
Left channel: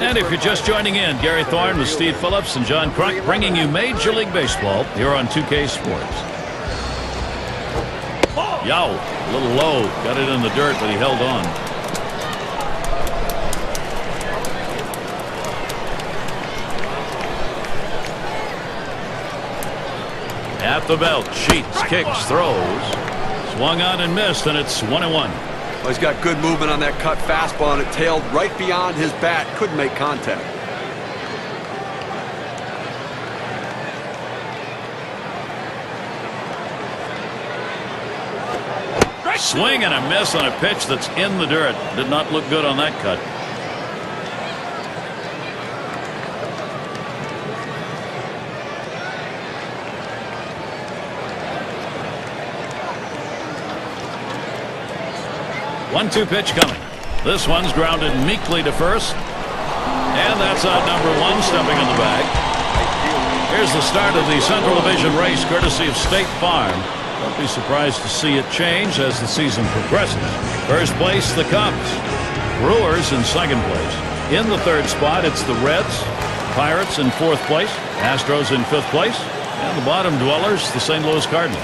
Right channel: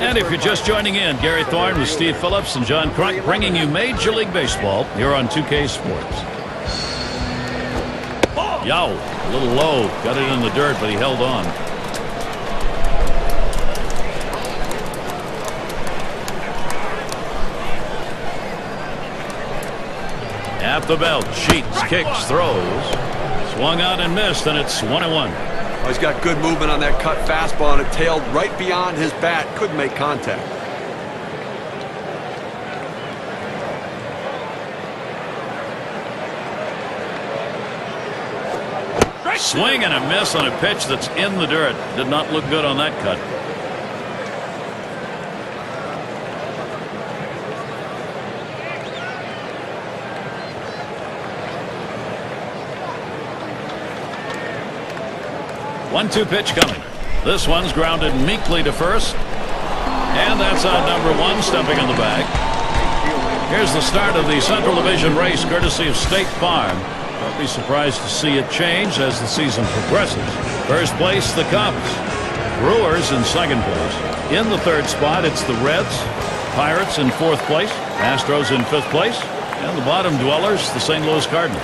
And if you're just joining in, Gary Thorne with Steve Phillips and John Crunk bringing you Major League Baseball here on 2K Sports. Yow, a little low, got it in the dirt, but he held on. At the belt, Sheets, kicks, throws. Swung out and missed, and it's 1-1. Well, he's got good movement on that cut fastball, and it tailed right beyond his bat. Couldn't make contact. Swing and a miss on a pitch that's in the dirt. Did not look good on that cut. One-two pitch coming. This one's grounded meekly to first. And that's out number 1, stepping in the bag. Here's the start of the Central Division race, courtesy of State Farm. Don't be surprised to see it change as the season progresses. First place, the Cubs. Brewers in second place. In the third spot, it's the Reds. Pirates in fourth place. Astros in fifth place. And the bottom dwellers, the St. Louis Cardinals.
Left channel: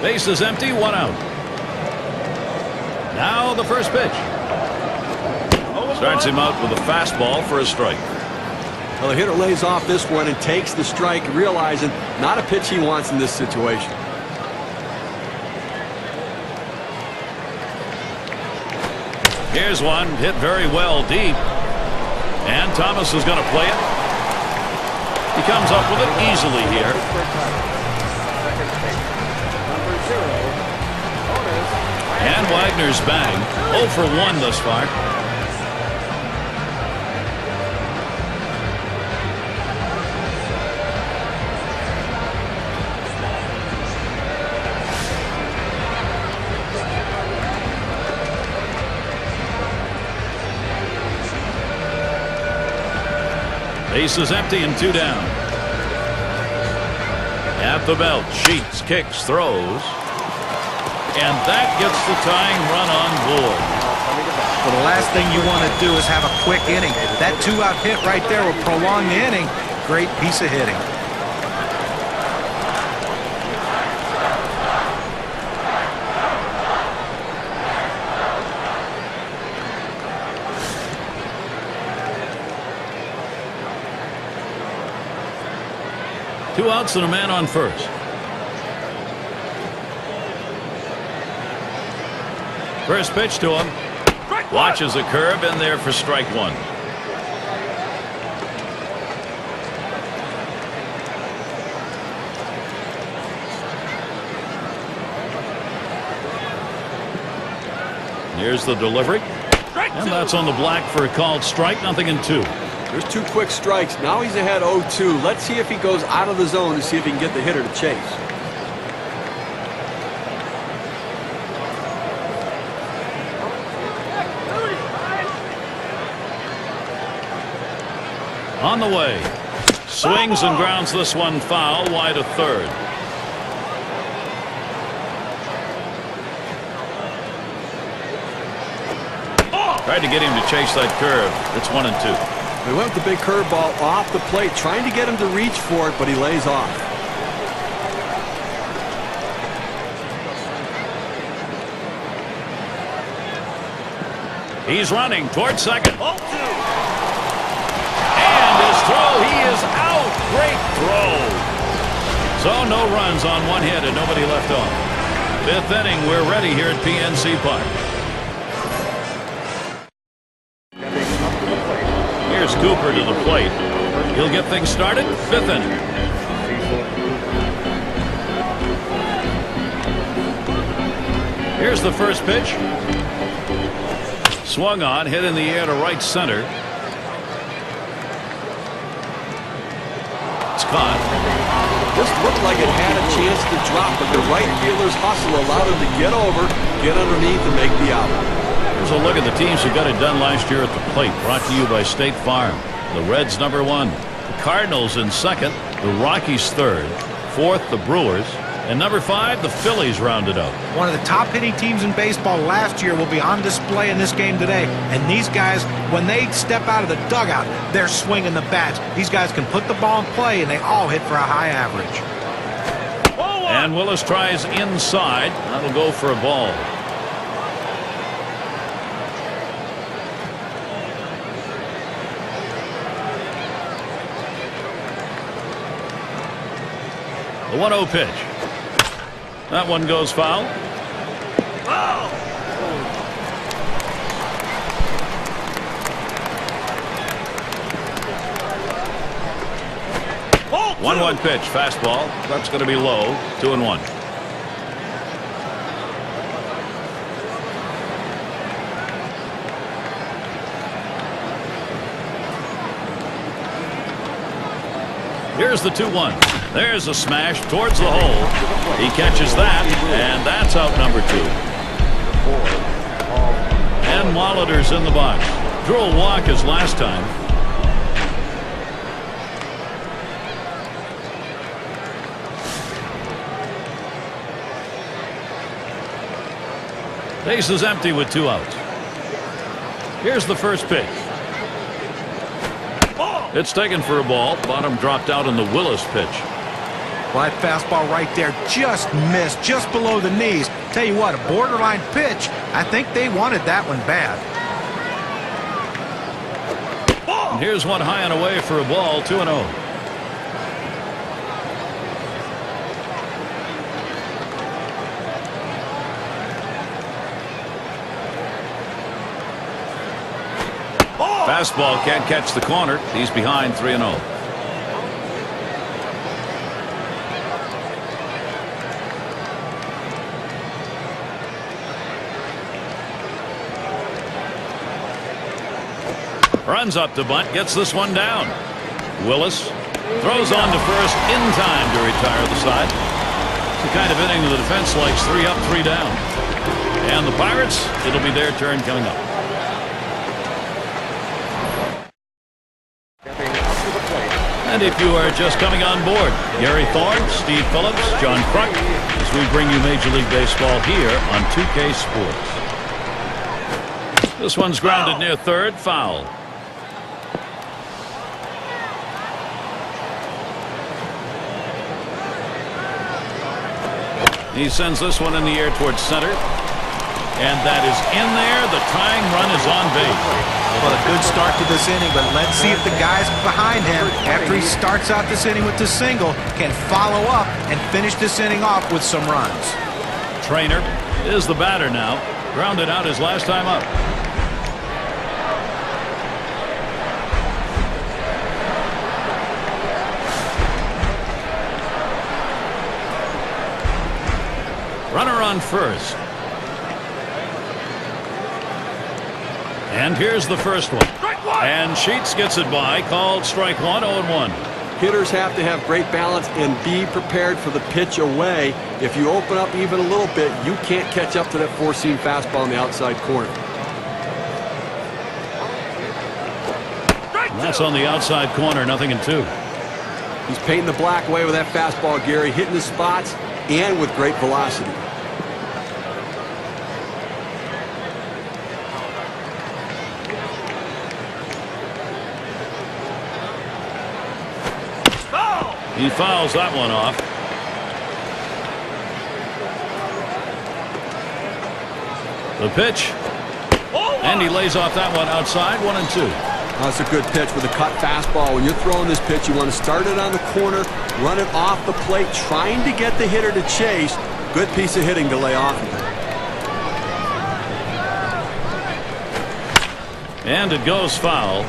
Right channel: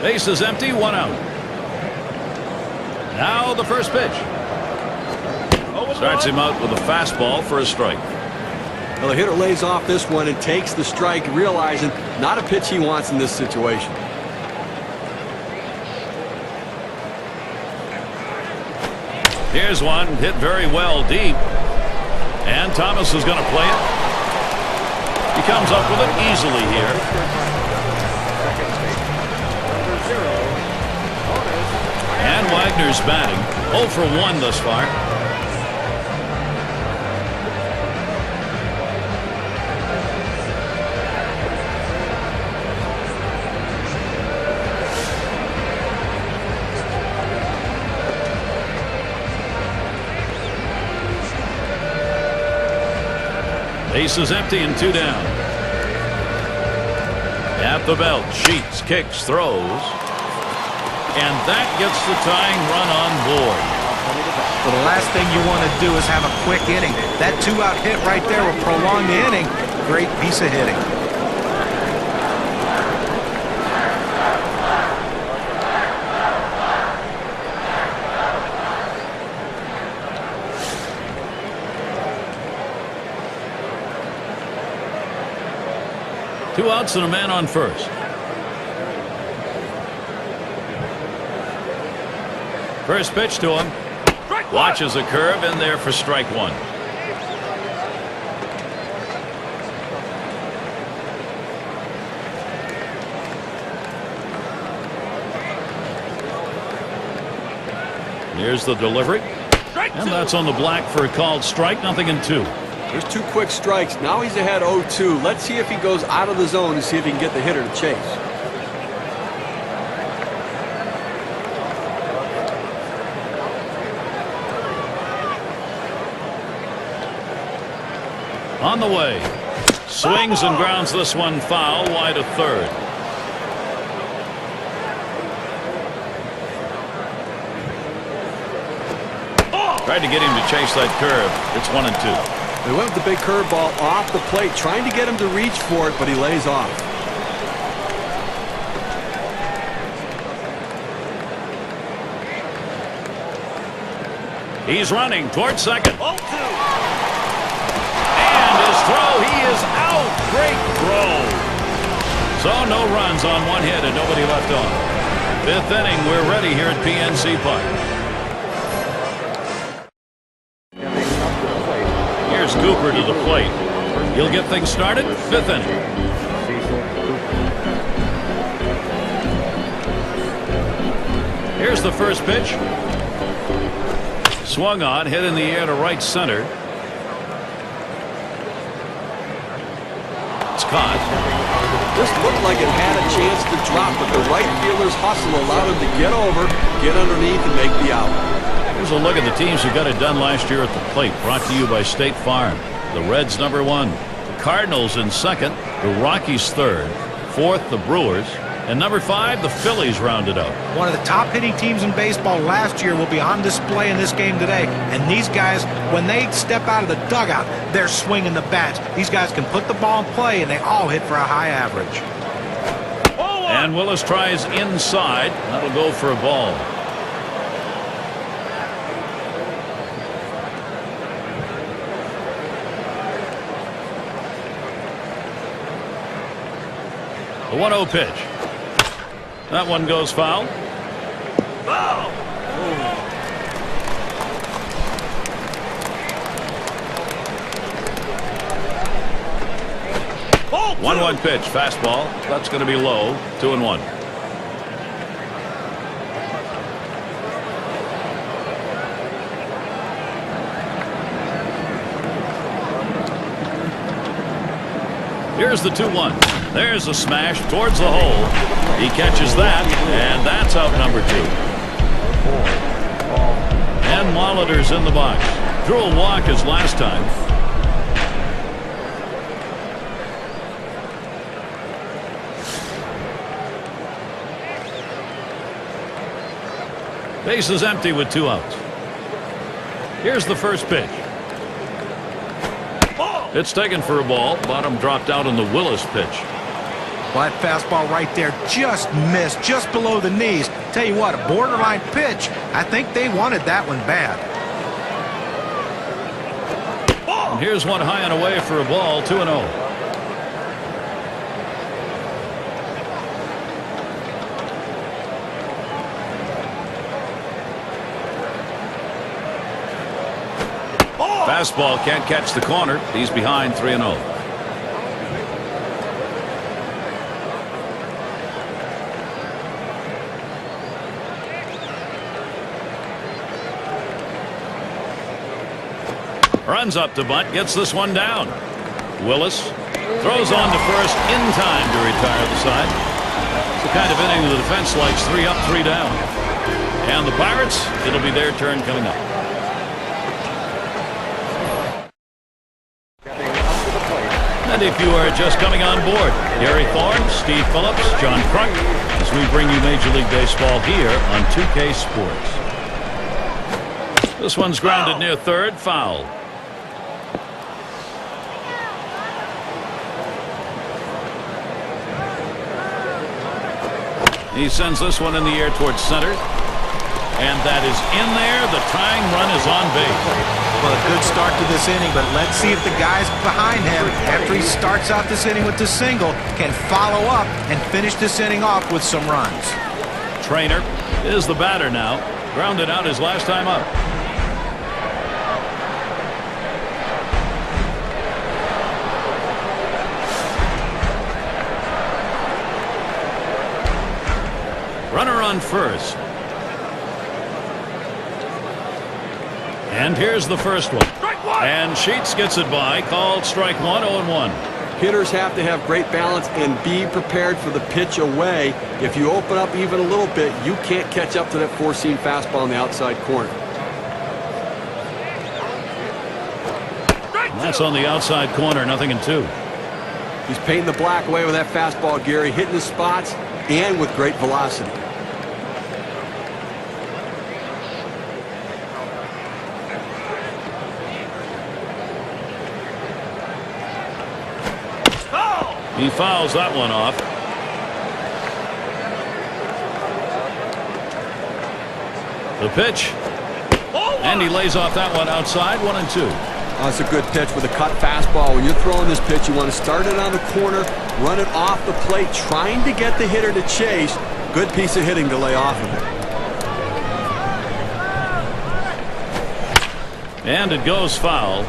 Base is empty, 1 out. Now the first pitch. Starts him out with a fastball for a strike. Well, the hitter lays off this one and takes the strike, realizing not a pitch he wants in this situation. Here's one hit very well deep. And Thomas is going to play it. He comes up with it easily here. And Wagner's batting 0 for 1 thus far. Base is empty and 2 down. At the belt, Sheets kicks, throws. And that gets the tying run on board. Well, the last thing you want to do is have a quick inning. That 2-out hit right there will prolong the inning. Great piece of hitting. Two outs and a man on first. First pitch to him. Watches a curve in there for strike 1. Here's the delivery. And that's on the black for a called strike. 0-2. There's 2 quick strikes. Now he's ahead 0-2. Let's see if he goes out of the zone to see if he can get the hitter to chase. On the way. Swings and grounds this one foul wide of third. Tried to get him to chase that curve. It's 1-2. They went with the big curveball off the plate, trying to get him to reach for it, but he lays off. He's running towards second. And his throw, he is out. Great throw. So no runs on 1 hit and nobody left on. 5th inning, we're ready here at PNC Park. Here's Cooper to the plate. He'll get things started. 5th inning. Here's the first pitch. Swung on, hit in the air to right center. It's caught. This looked like it had a chance to drop, but the right fielder's hustle allowed him to get over, get underneath, and make the out. Here's a look at the teams who got it done last year at the plate. Brought to you by State Farm. The Reds #1. The Cardinals in 2nd. The Rockies 3rd. 4th, the Brewers. And #5, the Phillies rounded out. One of the top hitting teams in baseball last year will be on display in this game today. And these guys, when they step out of the dugout, they're swinging the bats. These guys can put the ball in play, and they all hit for a high average. And Willis tries inside. That'll go for a ball. The 1-0 pitch. That one goes foul. Foul! 1-1 pitch, fastball. That's going to be low. 2-1. Here's the 2-1. There's a smash towards the hole. He catches that, and that's out #2. And Molitor's in the box. Drew a walk his last time. Base is empty with 2 outs. Here's the first pitch. It's taken for a ball. Bottom dropped out on the Willis pitch. Well, that fastball right there just missed, just below the knees. Tell you what, a borderline pitch. I think they wanted that one bad. And here's one high and away for a ball, 2-0. Fastball can't catch the corner. He's behind 3-0. Runs up to bunt, gets this one down. Willis throws on to first in time to retire the side. It's the kind of inning the defense likes. 3 up, 3 down. And the Pirates, it'll be their turn coming up. And if you are just coming on board, Gary Thorne, Steve Phillips, John Kruk, as we bring you Major League Baseball here on 2K Sports. This one's grounded near third, foul. He sends this one in the air towards center. And that is in there. The tying run is on base. Well, a good start to this inning, but let's see if the guys behind him, after he starts out this inning with the single, can follow up and finish this inning off with some runs. Trainer is the batter now. Grounded out his last time up. Runner on first. And here's the first one. And Sheets gets it by. Called strike one, 0-1. Hitters have to have great balance and be prepared for the pitch away. If you open up even a little bit, you can't catch up to that four-seam fastball in the outside corner. And that's on the outside corner, 0-2. He's painting the black away with that fastball, Gary, hitting the spots and with great velocity. He fouls that one off. The pitch. And he lays off that one outside, 1-2. That's a good pitch with a cut fastball. When you're throwing this pitch, you want to start it on the corner, run it off the plate, trying to get the hitter to chase. Good piece of hitting to lay off of it. And it goes foul.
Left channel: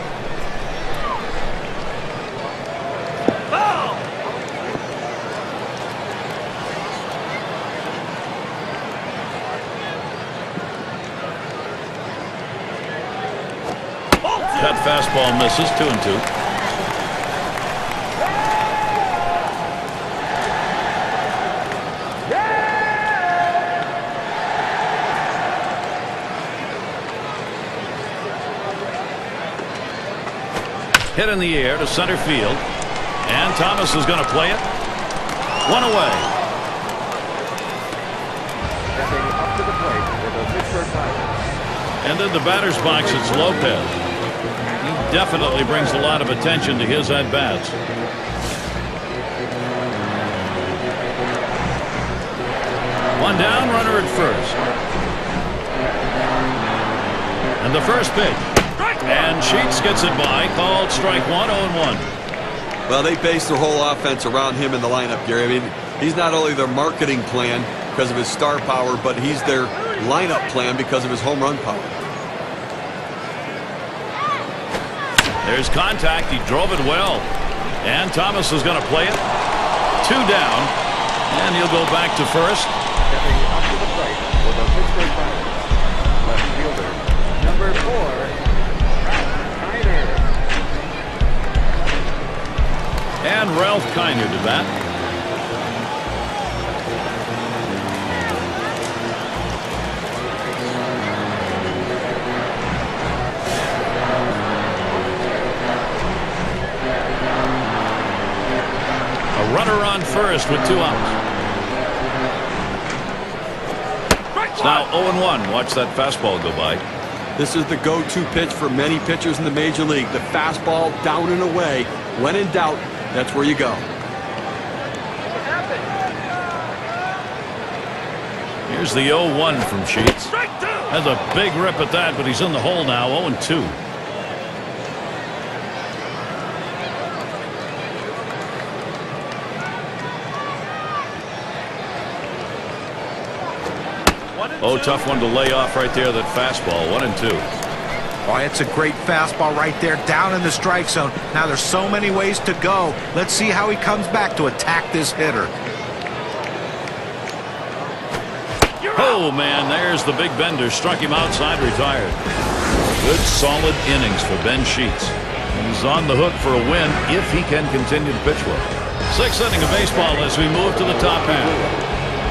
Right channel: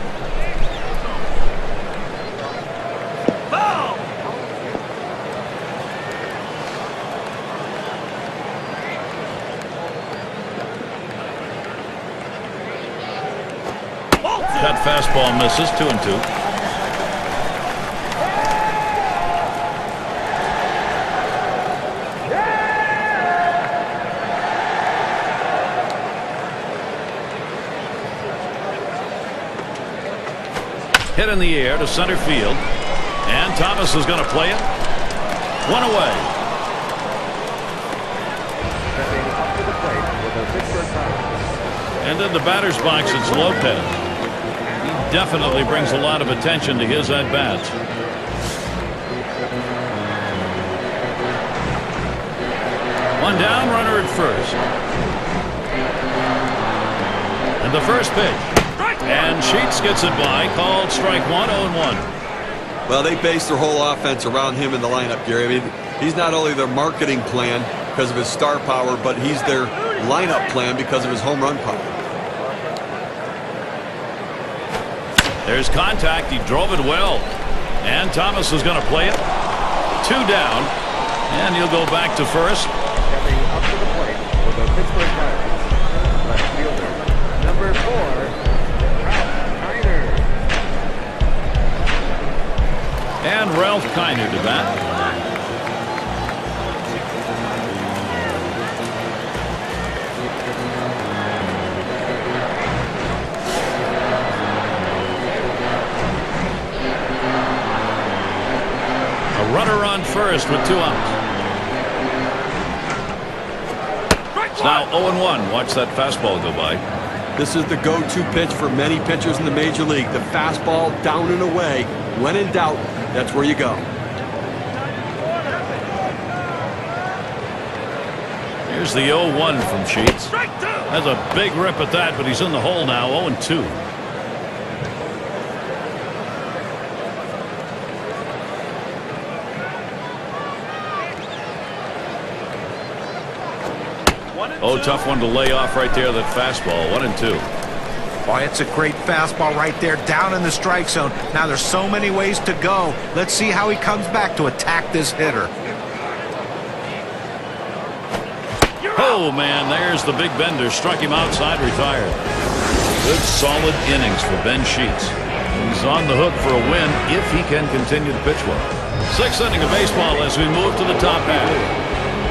That fastball misses, 2-2. Hit in the air to center field. And Thomas is going to play it. One away. And in the batter's box, it's Lopez. He definitely brings a lot of attention to his at-bats. One down, runner at first. And the first pitch. And Sheets gets it by. Called strike one, 0-1. Well, they base their whole offense around him in the lineup, Gary. I mean, he's not only their marketing plan because of his star power, but he's their lineup plan because of his home run power. There's contact. He drove it well. And Thomas is going to play it. 2 down. And he'll go back to first. And Ralph Kiner to bat. A runner on first with 2 outs. It's now 0-1. Watch that fastball go by. This is the go-to pitch for many pitchers in the major league. The fastball down and away. When in doubt, that's where you go. Here's the 0-1 from Sheets. Has a big rip at that, but he's in the hole now. 0-2. Oh, tough one to lay off right there, that fastball. 1-2. Oh, it's a great fastball right there, down in the strike zone. Now there's so many ways to go. Let's see how he comes back to attack this hitter. Oh, man, there's the big bender. Struck him outside, retired. Good, solid innings for Ben Sheets. He's on the hook for a win if he can continue to pitch well. 6th inning of baseball as we move to the top half.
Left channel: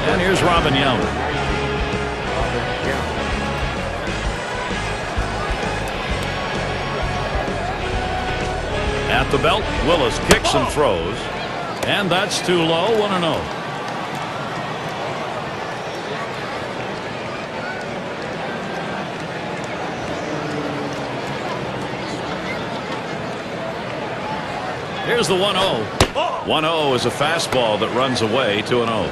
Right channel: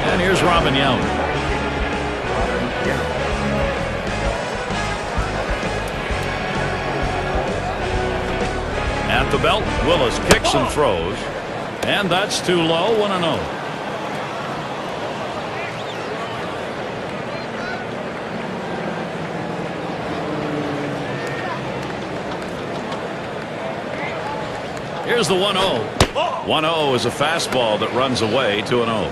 And here's Robin Young. At the belt, Willis kicks and throws. And that's too low. 1-0. Here's the 1-0. 1-0 is a fastball that runs away. 2-0.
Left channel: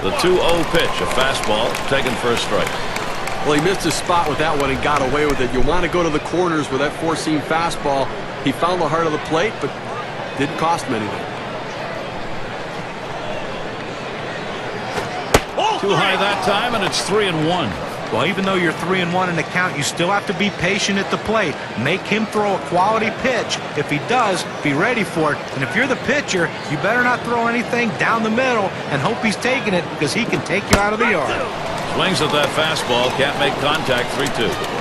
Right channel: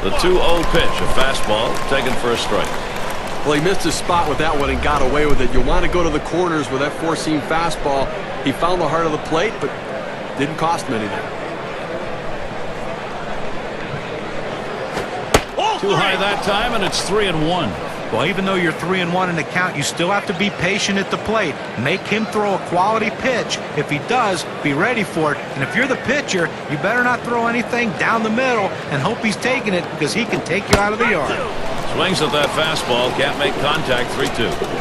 The 2-0 pitch, a fastball taken for a strike. Well, he missed his spot with that one and got away with it. You want to go to the corners with that four-seam fastball. He found the heart of the plate, but didn't cost him anything. Too high that time, and it's 3-1. Well, even though you're 3-1 in the count, you still have to be patient at the plate. Make him throw a quality pitch. If he does, be ready for it. And if you're the pitcher, you better not throw anything down the middle and hope he's taking it, because he can take you out of the yard. Swings at that fastball, can't make contact. 3-2.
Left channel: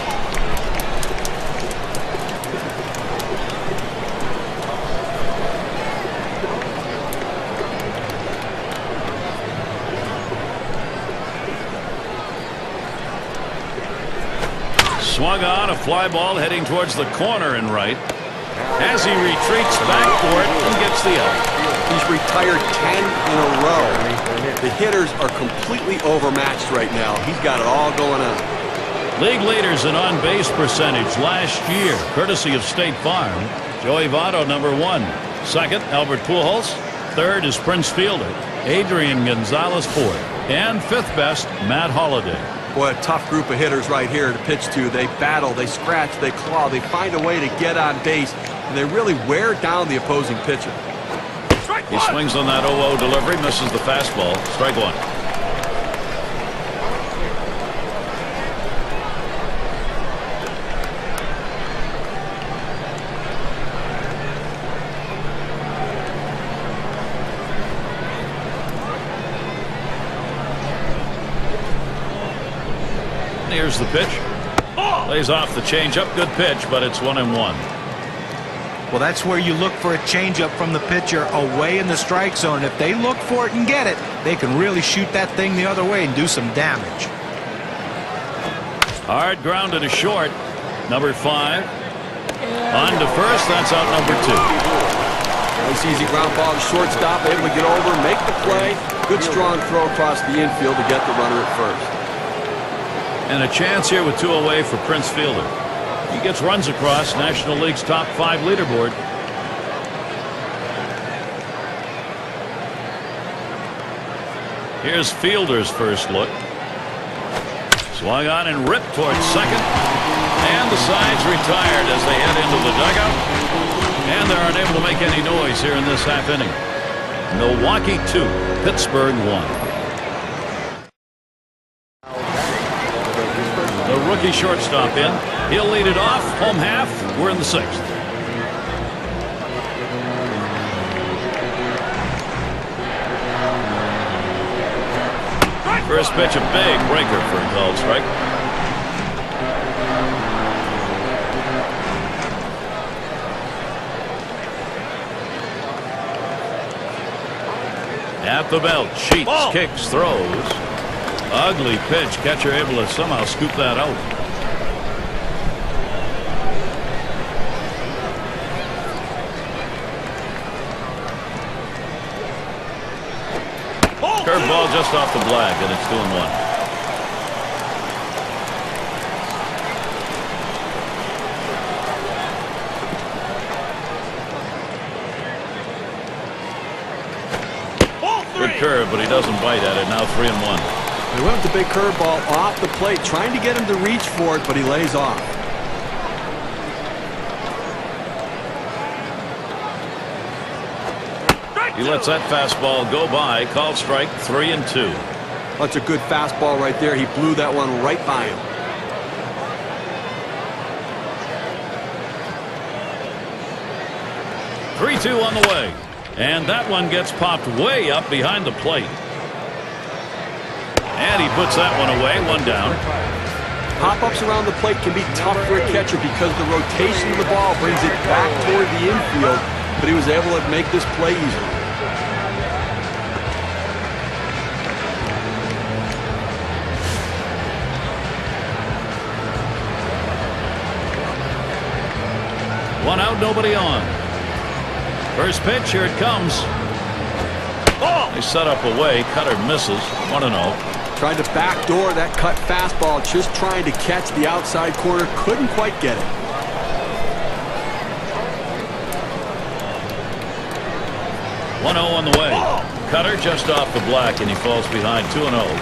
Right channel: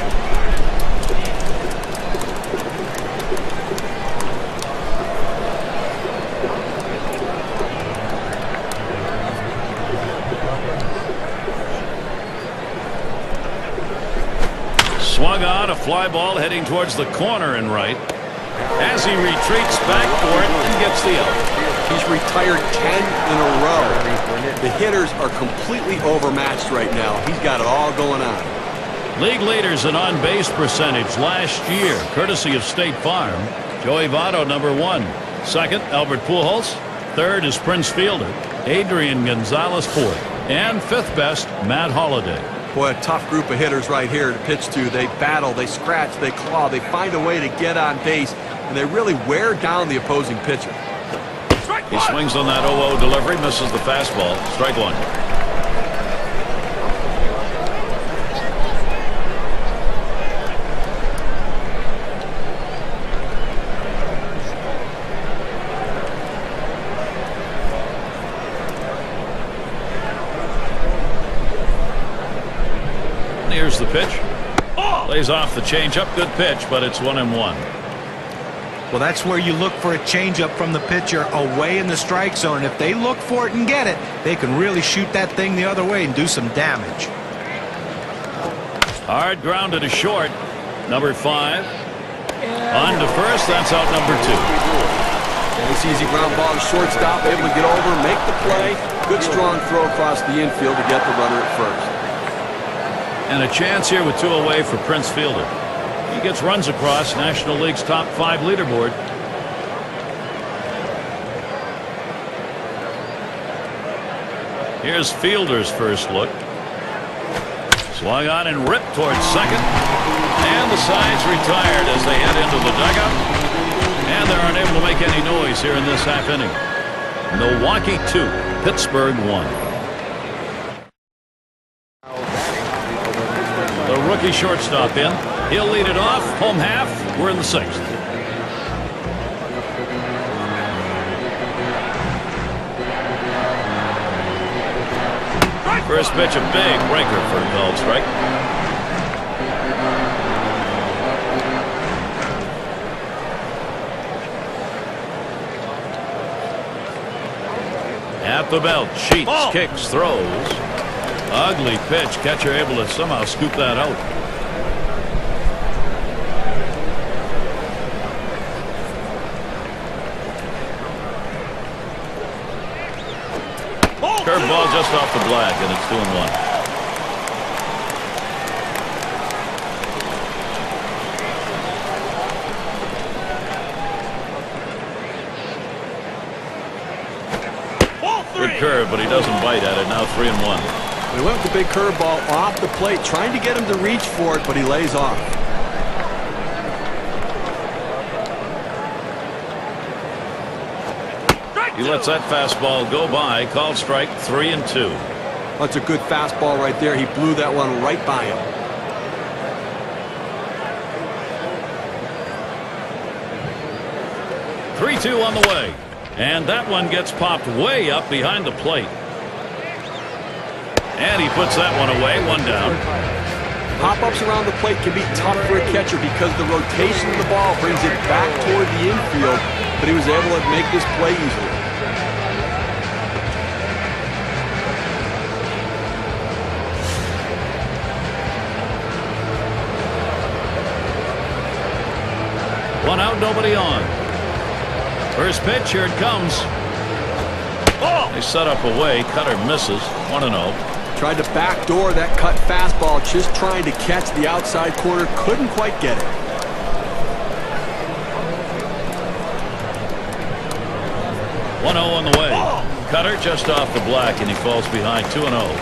Swung on, a fly ball heading towards the corner and right as he retreats back for it and gets the out. He's retired 10 in a row. The hitters are completely overmatched right now. He's got it all going on. League leaders in on-base percentage last year, courtesy of State Farm. Joey Votto, number 1. Second, Albert Pujols. Third is Prince Fielder. Adrian Gonzalez, fourth. And fifth best, Matt Holliday. Boy, a tough group of hitters right here to pitch to. They battle, they scratch, they claw, they find a way to get on base, and they really wear down the opposing pitcher. He swings on that 0-0 delivery, misses the fastball. Strike one. Here's the pitch. Lays off the changeup. Good pitch, but it's 1-1. Well, that's where you look for a changeup from the pitcher away in the strike zone. And if they look for it and get it, they can really shoot that thing the other way and do some damage. Hard grounded to short. Number 5. On to first. That's out number 2. Nice easy ground ball to shortstop. Able to get over, make the play. Good strong throw across the infield to get the runner at first. And a chance here with 2 away for Prince Fielder. He gets runs across National League's top 5 leaderboard. Here's Fielder's first look. Swung on and ripped towards second. And the side's retired as they head into the dugout. And they're unable to make any noise here in this half inning. Milwaukee 2, Pittsburgh 1. The rookie shortstop in. He'll lead it off. Home half. We're in the 6th. First pitch, a big breaker for a called strike. At the belt, Sheets, kicks, throws. Ugly pitch. Catcher able to somehow scoop that out. Curveball just off the black, and it's 2-1. curve, but he doesn't bite at it. Now 3-1. He went with the big curveball off the plate, trying to get him to reach for it, but he lays off. He lets that fastball go by. Called strike, 3-2. That's a good fastball right there. He blew that one right by him. Three-two on the way. And that one gets popped way up behind the plate. And he puts that one away. One down. Pop-ups around the plate can be tough for a catcher because the rotation of the ball brings it back toward the infield, but he was able to make this play easily. One out, nobody on. First pitch, here it comes. Oh! They set up away. Cutter misses. 1-0. Tried to backdoor that cut fastball, just trying to catch the outside corner. Couldn't quite get it. One 1-0 on the way. Cutter just off the black, and he falls behind 2-0.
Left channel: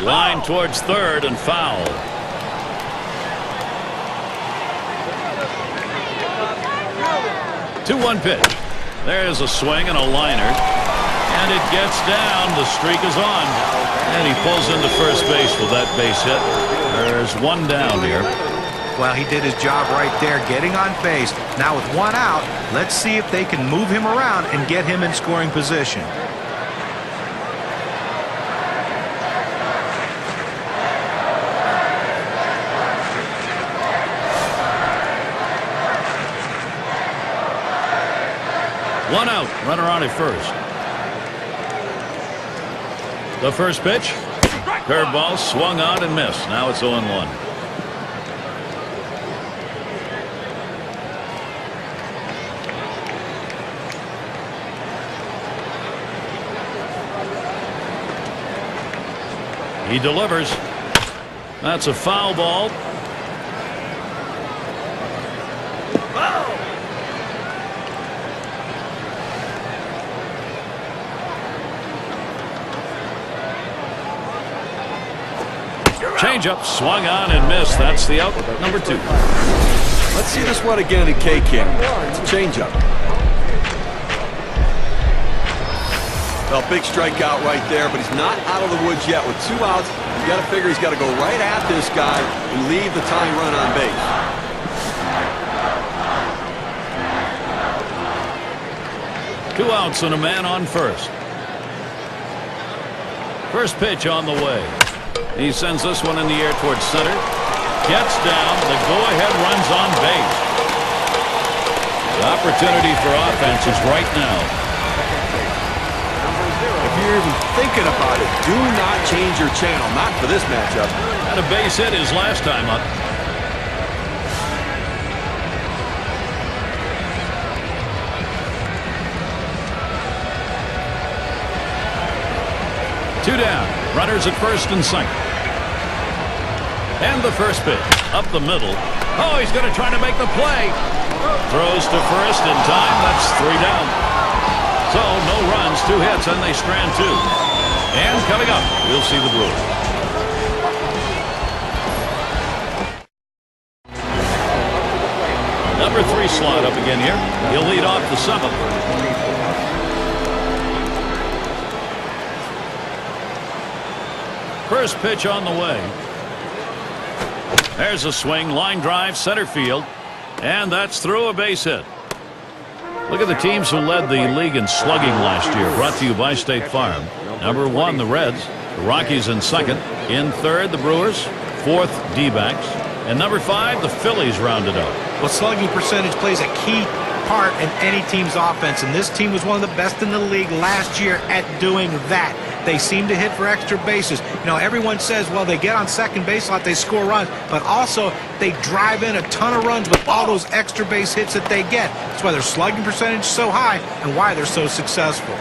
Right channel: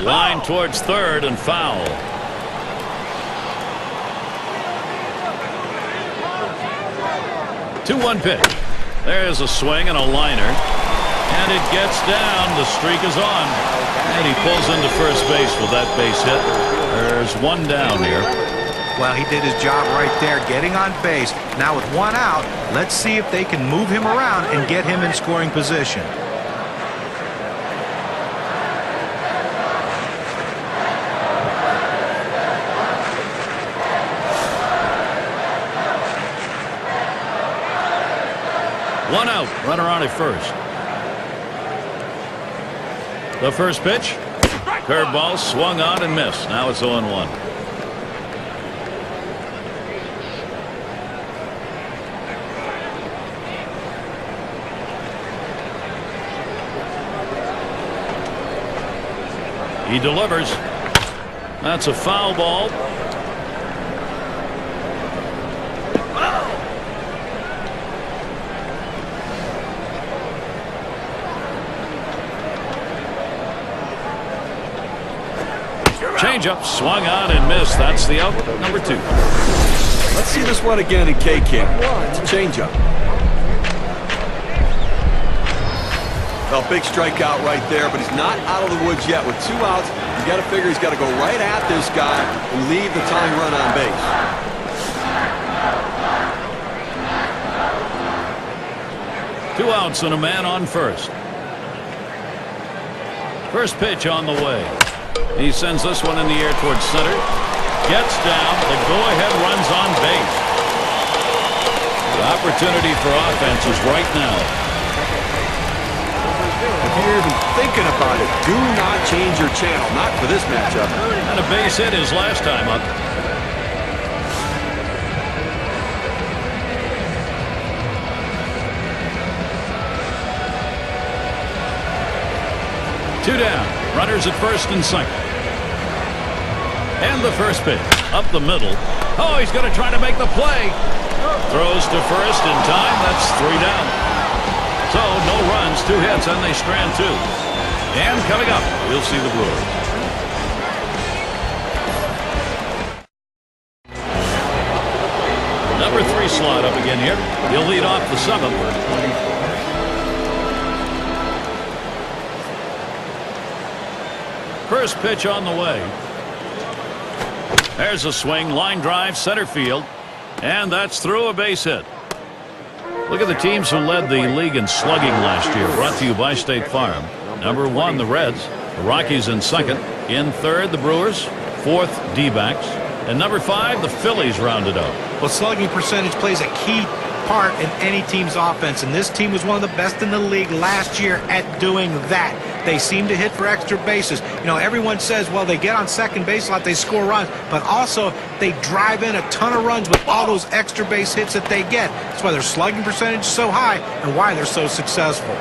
Line towards third and foul. Two-one pitch. There's a swing and a liner. And it gets down. The streak is on. And he pulls into first base with that base hit. There's one down here. Well, he did his job right there, getting on base. Now with one out, let's see if they can move him around and get him in scoring position. One out, runner on at first. The first pitch, curveball swung on and missed. Now it's 0-1. He delivers. That's a foul ball. Foul. Changeup swung on and missed. That's the out, number 2. Let's see this one again in K-Cam. It's a changeup. Well, big strikeout right there, but he's not out of the woods yet. With 2 outs, you got to figure he's got to go right at this guy and leave the tying run on base. Two outs and a man on first. First pitch on the way. He sends this one in the air towards center. Gets down. The go-ahead runs on base. The opportunity for offense is right now. If you're even thinking about it, do not change your channel. Not for this matchup. Had a base hit his last time up. Two down. Runners at first and second. And the first pitch. Up the middle. Oh, he's going to try to make the play. Throws to first in time. That's 3 down. So no runs, 2 hits, and they strand 2. And coming up, we'll see the Brewers. Number 3 slot up again here. He'll lead off the 7th. First pitch on the way. There's a swing, line drive, center field, and that's through a base hit. Look at the teams who led the league in slugging last year. Brought to you by State Farm. Number 1, the Reds. The Rockies in second. In third, the Brewers. 4th, D-backs. And number 5, the Phillies rounded out. Well, slugging percentage plays a key part in any team's offense, and this team was one of the best in the league last year at doing that. They seem to hit for extra bases. You know, everyone says, well, they get on second base a lot, they score runs, but also they drive in a ton of runs with all those extra base hits that they get. That's why their slugging percentage is so high and why they're so successful.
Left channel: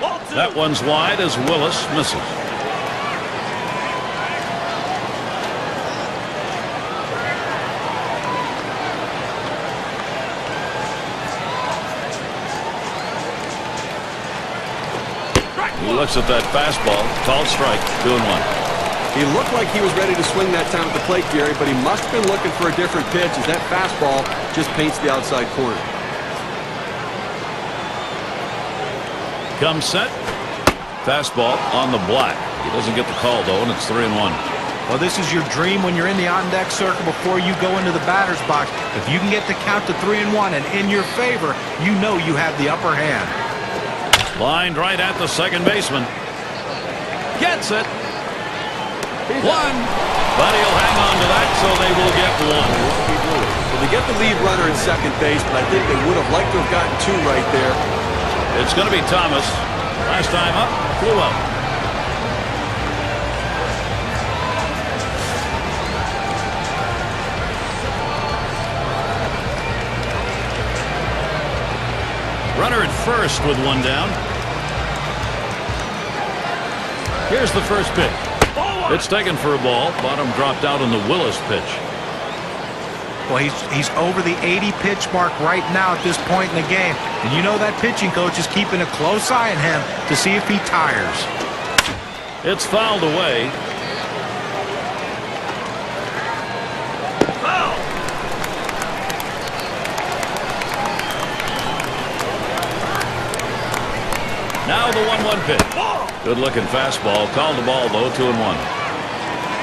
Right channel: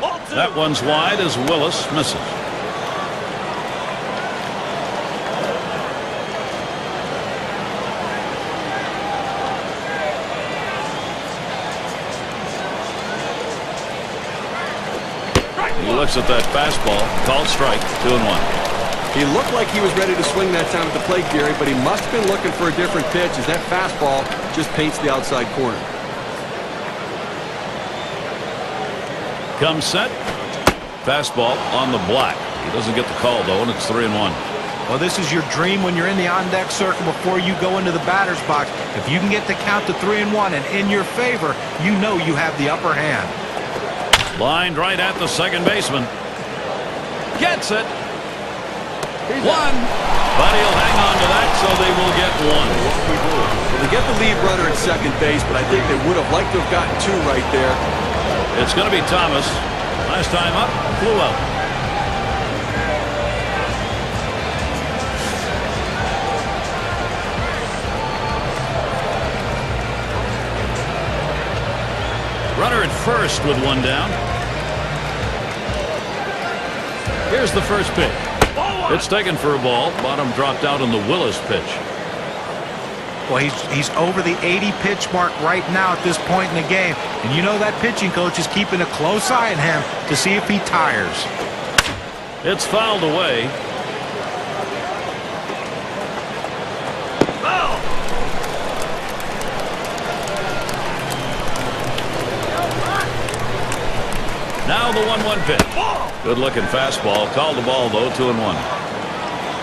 That one's wide as Willis misses. He looks at that fastball. Called strike. 2-1. He looked like he was ready to swing that time at the plate, Gary, but he must have been looking for a different pitch as that fastball just paints the outside corner. Comes set. Fastball on the black. He doesn't get the call, though, and it's 3-1. Well, this is your dream when you're in the on-deck circle before you go into the batter's box. If you can get the count to 3-1 and in your favor, you know you have the upper hand. Lined right at the second baseman. Gets it. One. But he'll hang on to that, so they will get one. Well, they get the lead runner at second base, but I think they would have liked to have gotten two right there. It's going to be Thomas. Last time up, flew out. Runner at first with one down. Here's the first pitch. It's taken for a ball. Bottom dropped out on the Willis pitch. Well, he's over the 80 pitch mark right now at this point in the game. And you know that pitching coach is keeping a close eye on him to see if he tires. It's fouled away. Now the 1-1 pitch. Good looking fastball. Called the ball though. 2-1.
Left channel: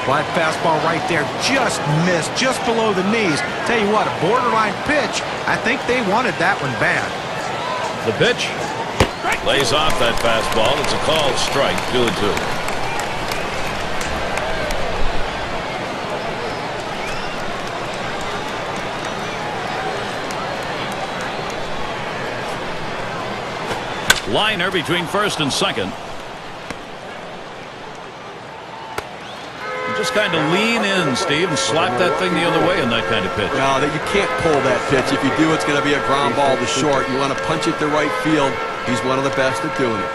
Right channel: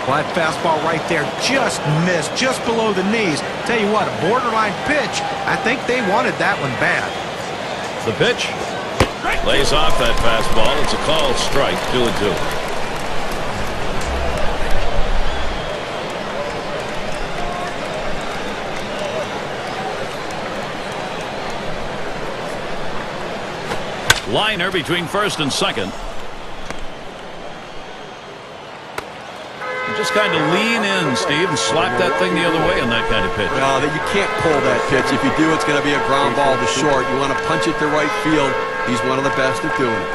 Well, that fastball right there just missed, just below the knees. Tell you what, a borderline pitch. I think they wanted that one bad. The pitch lays off that fastball. It's a called strike. 2-2. Liner between first and second. Just kind of lean in, Steve, and slap that thing the other way in that kind of pitch. Well, you can't pull that pitch. If you do, it's going to be a ground ball to short. You want to punch it to right field. He's one of the best at doing it.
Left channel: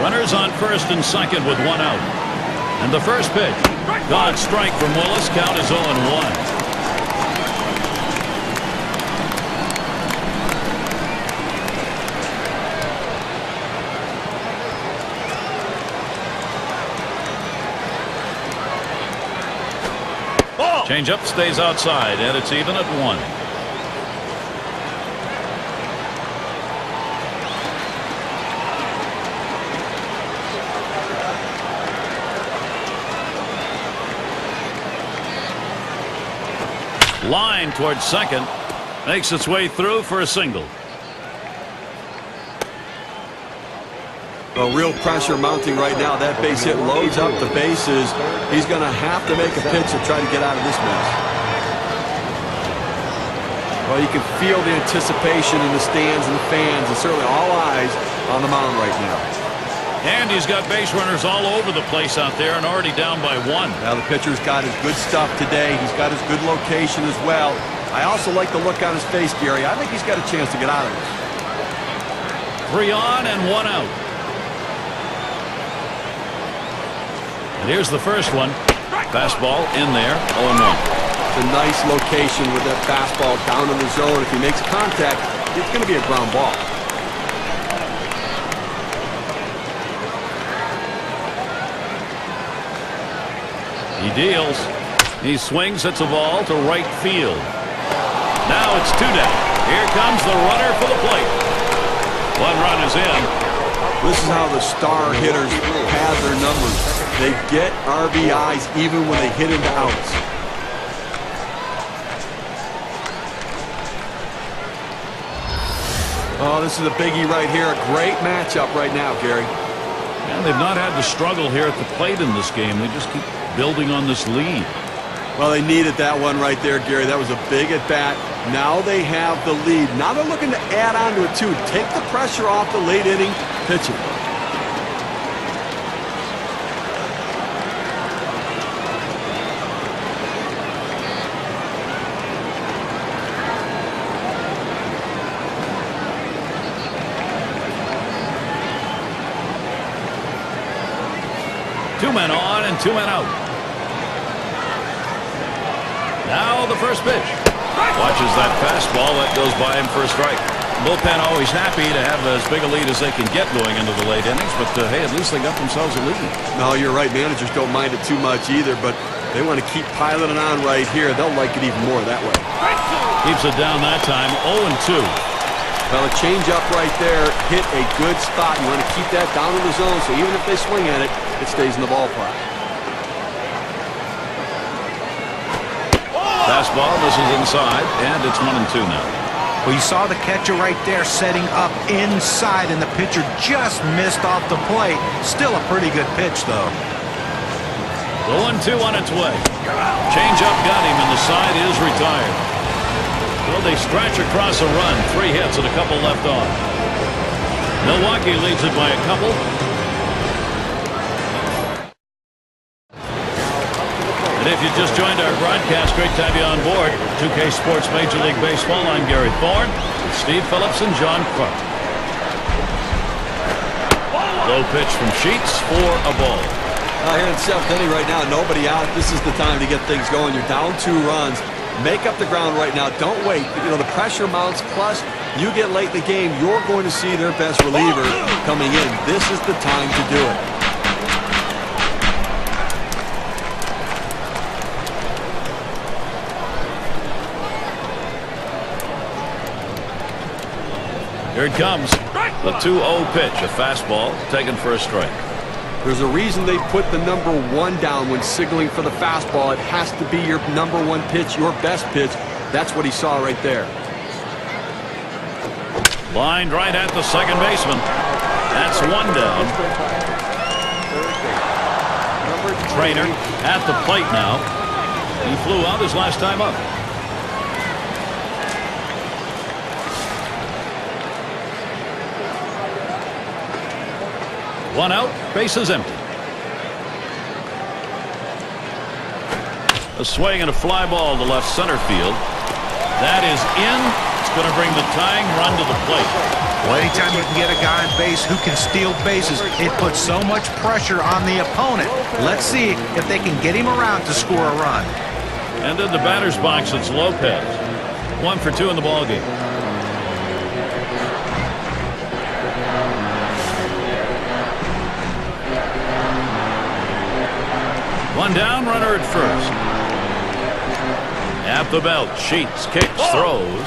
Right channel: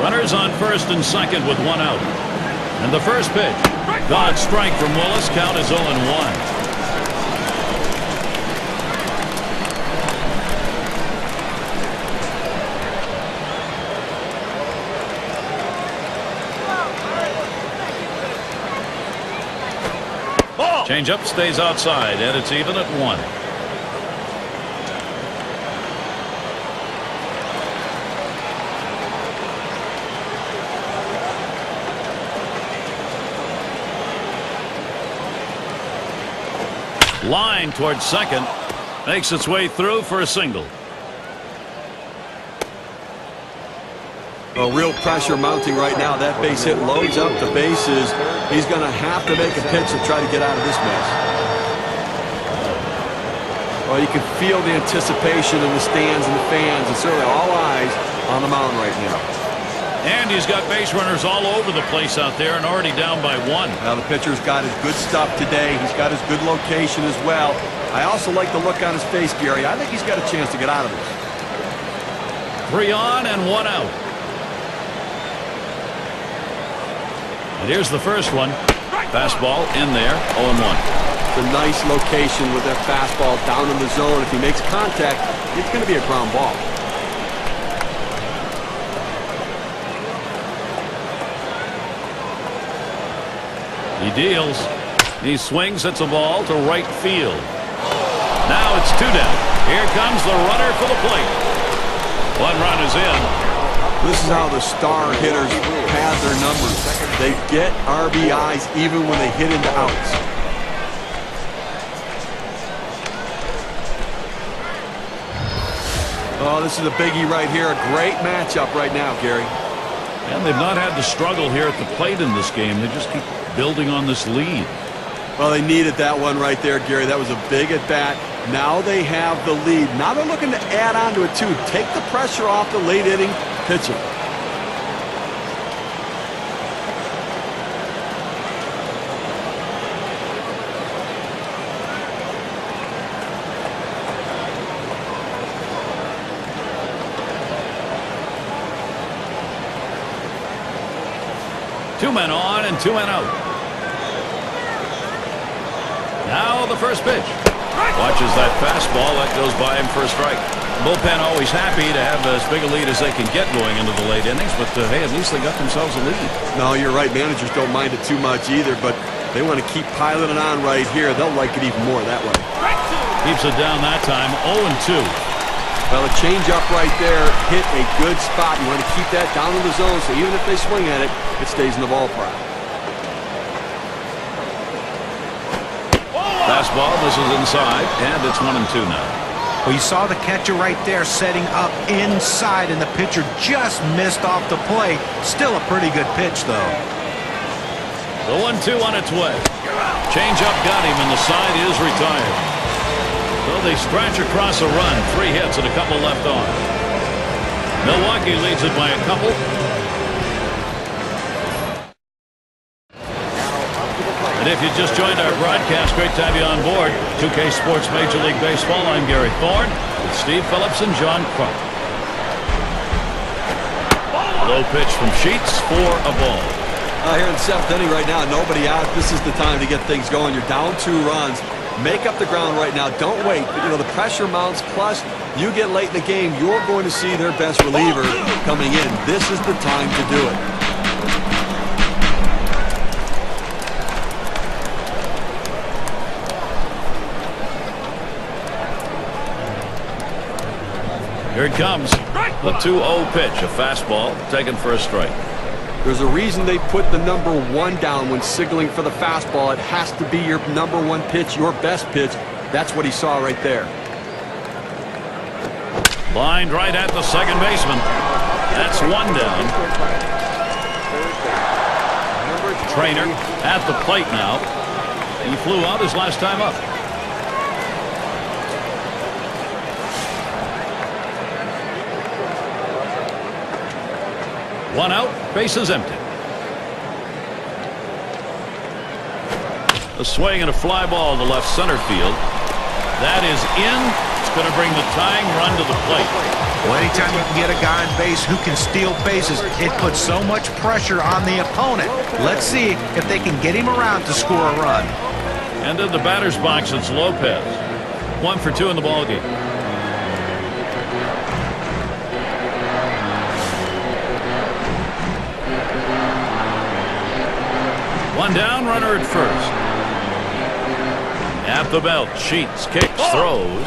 Runners on first and second with one out. And the first pitch. Gone strike from Willis. Count is 0-1. Change up stays outside, and it's even at 1. Line towards second. Makes its way through for a single. Well, real pressure mounting right now. That base hit loads up the bases. He's going to have to make a pitch to try to get out of this mess. Well, you can feel the anticipation in the stands and the fans, and certainly all eyes on the mound right now. And he's got base runners all over the place out there and already down by 1. Now the pitcher's got his good stuff today. He's got his good location as well. I also like the look on his face, Gary. I think he's got a chance to get out of this. 3 on and 1 out. And here's the first one. Fastball in there. 0-1. It's a nice location with that fastball down in the zone. If he makes contact, it's going to be a ground ball. He deals. He swings. It's a ball to right field. Now it's 2 down. Here comes the runner for the plate. 1 run is in. This is how the star hitters pad their numbers. They get RBIs even when they hit into outs. Oh, this is a biggie right here. A great matchup right now, Gary. And they've not had to struggle here at the plate in this game. They just keep building on this lead. Well, they needed that one right there, Gary. That was a big at-bat. Now they have the lead. Now they're looking to add on to it, too. Take the pressure off the late-inning pitching. 2 men on and 2 men out. Now the first pitch. Watches that fastball. That goes by him for a strike. Bullpen always happy to have as big a lead as they can get going into the late innings, but hey, at least they got themselves a lead. No, you're right. Managers don't mind it too much either, but they want to keep piling it on right here. They'll like it even more that way. Keeps it down that time. 0-2. Well, a change-up right there hit a good spot. You want to keep that down in the zone, so even if they swing at it, it stays in the ballpark. Fastball misses inside, and it's 1-2 now. Well, you saw the catcher right there setting up inside, and the pitcher just missed off the plate. Still a pretty good pitch, though. The 1-2 on its way. Change-up got him, and the side is retired. So they scratch across a run. 3 hits and a couple left on. Milwaukee leads it by a couple. And if you just joined our broadcast, great to have you on board. 2K Sports Major League Baseball. I'm Gary Thorne with Steve Phillips and John Crump. Low pitch from Sheets for a ball. Here in the 7th inning right now, nobody out. This is the time to get things going. You're down 2 runs. Make up the ground right now. Don't wait. But, the pressure mounts. Plus, you get late in the game, you're going to see their best reliever coming in. This is the time to do it. Here it comes. The 2-0 pitch. A fastball taken for a strike. There's a reason they put the number 1 down when signaling for the fastball. It has to be your number 1 pitch, your best pitch. That's what he saw right there. Lined right at the second baseman. That's 1 down. Trainer at the plate now. He flew out his last time up. One out, bases empty. A swing and a fly ball to left center field. That is in. It's going to bring the tying run to the plate. Well, anytime you can get a guy on base who can steal bases, it puts so much pressure on the opponent. Let's see if they can get him around to score a run. And in the batter's box, it's Lopez. 1 for 2 in the ballgame. One down, runner at first. At the belt, Sheets kicks, throws.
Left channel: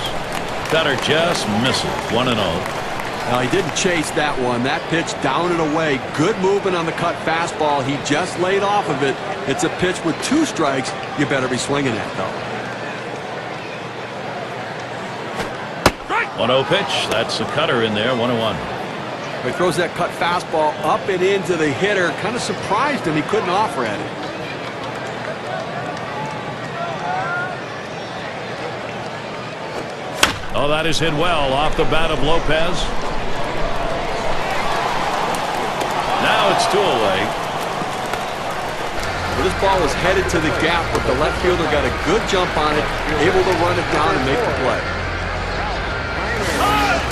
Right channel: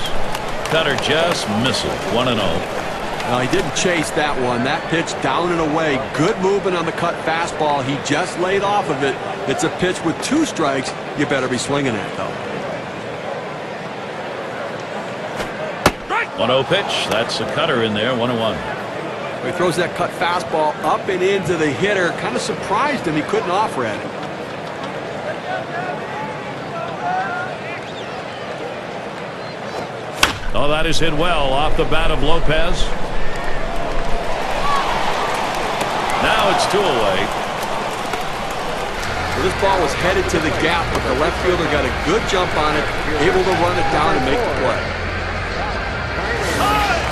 Cutter just misses. 1-0. Well, he didn't chase that one. That pitch down and away. Good movement on the cut fastball. He just laid off of it. It's a pitch with 2 strikes. You better be swinging at, though. 1-0 pitch. That's the cutter in there. 1-1. He throws that cut fastball up and into the hitter. Kind of surprised him. He couldn't offer at it. Oh, that is hit well off the bat of Lopez. Now it's 2 away. Well, this ball was headed to the gap, but the left fielder got a good jump on it, able to run it down and make the play.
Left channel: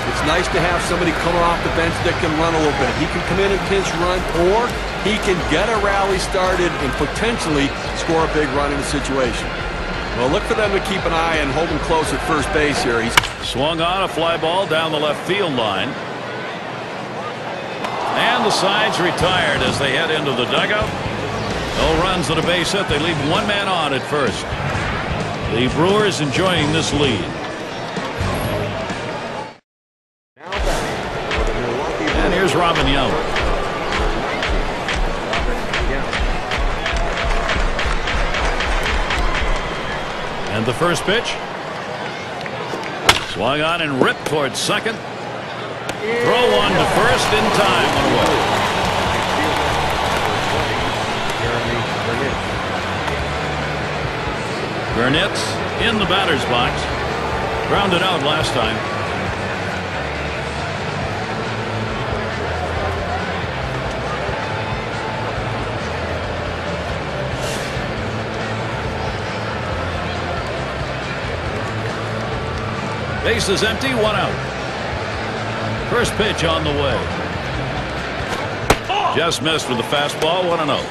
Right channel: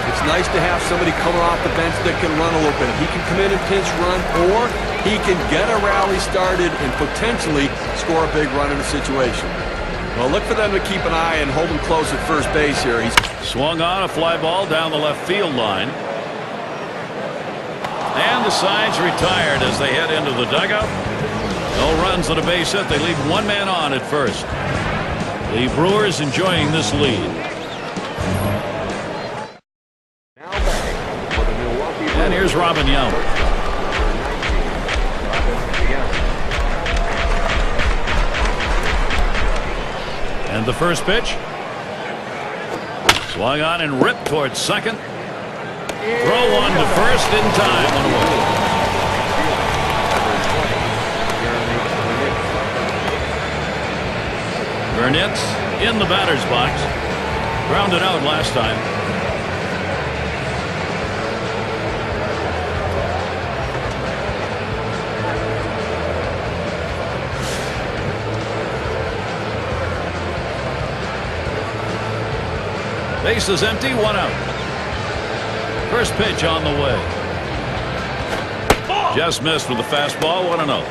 It's nice to have somebody coming off the bench that can run a little bit. He can come in and pinch run, or he can get a rally started and potentially score a big run in a situation. Well, look for them to keep an eye and hold him close at first base here. He's swung on a fly ball down the left field line. And the side's retired as they head into the dugout. No runs at a base hit. They leave 1 man on at first. The Brewers enjoying this lead. And here's Robin Young. And the first pitch. Swung on and ripped towards second. Throw one to first in time. 1 away. Burnett's in the batter's box. Grounded out last time. Base is empty, 1 out. First pitch on the way. Just missed with the fastball, 1-0.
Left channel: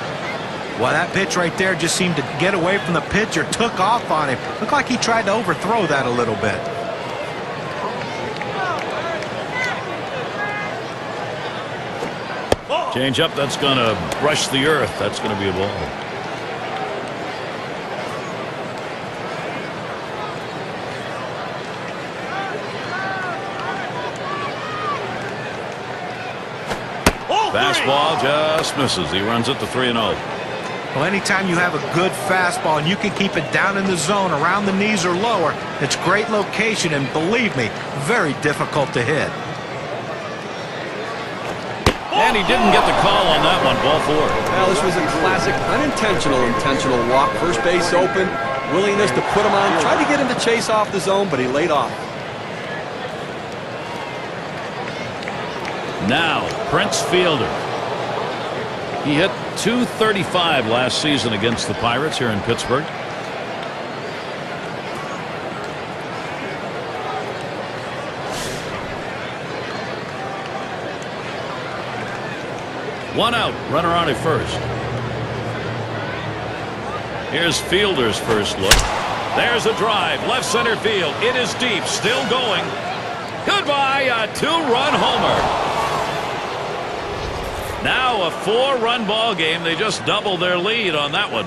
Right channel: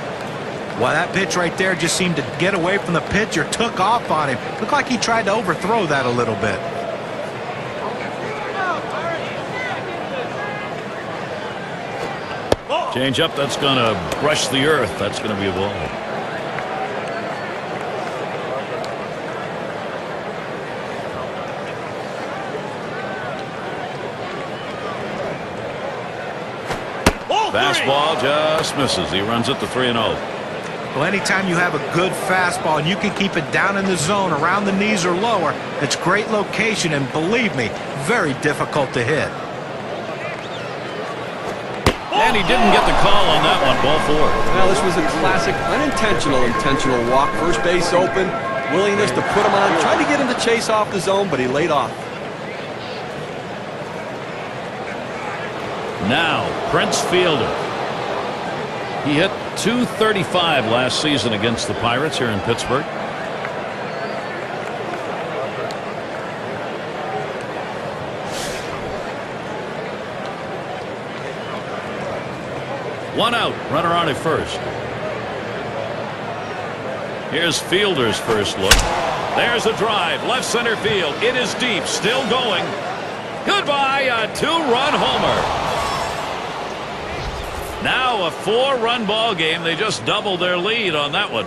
Well, that pitch right there just seemed to get away from the pitcher, took off on him. Looked like he tried to overthrow that a little bit. Change up, that's going to brush the earth. That's going to be a ball. Fastball just misses. He runs it to 3-0. Well, anytime you have a good fastball and you can keep it down in the zone around the knees or lower, it's great location, and believe me, very difficult to hit. And he didn't get the call on that one. Ball 4. Well, this was a classic intentional walk. First base open, willingness to put him on. Tried to get him to chase off the zone, but he laid off. Now, Prince Fielder. He hit .235 last season against the Pirates here in Pittsburgh. One out, runner on at first. Here's Fielder's first look. There's a drive, left center field. It is deep, still going. Goodbye, a 2-run homer. Now a 4-run ball game. They just doubled their lead on that one.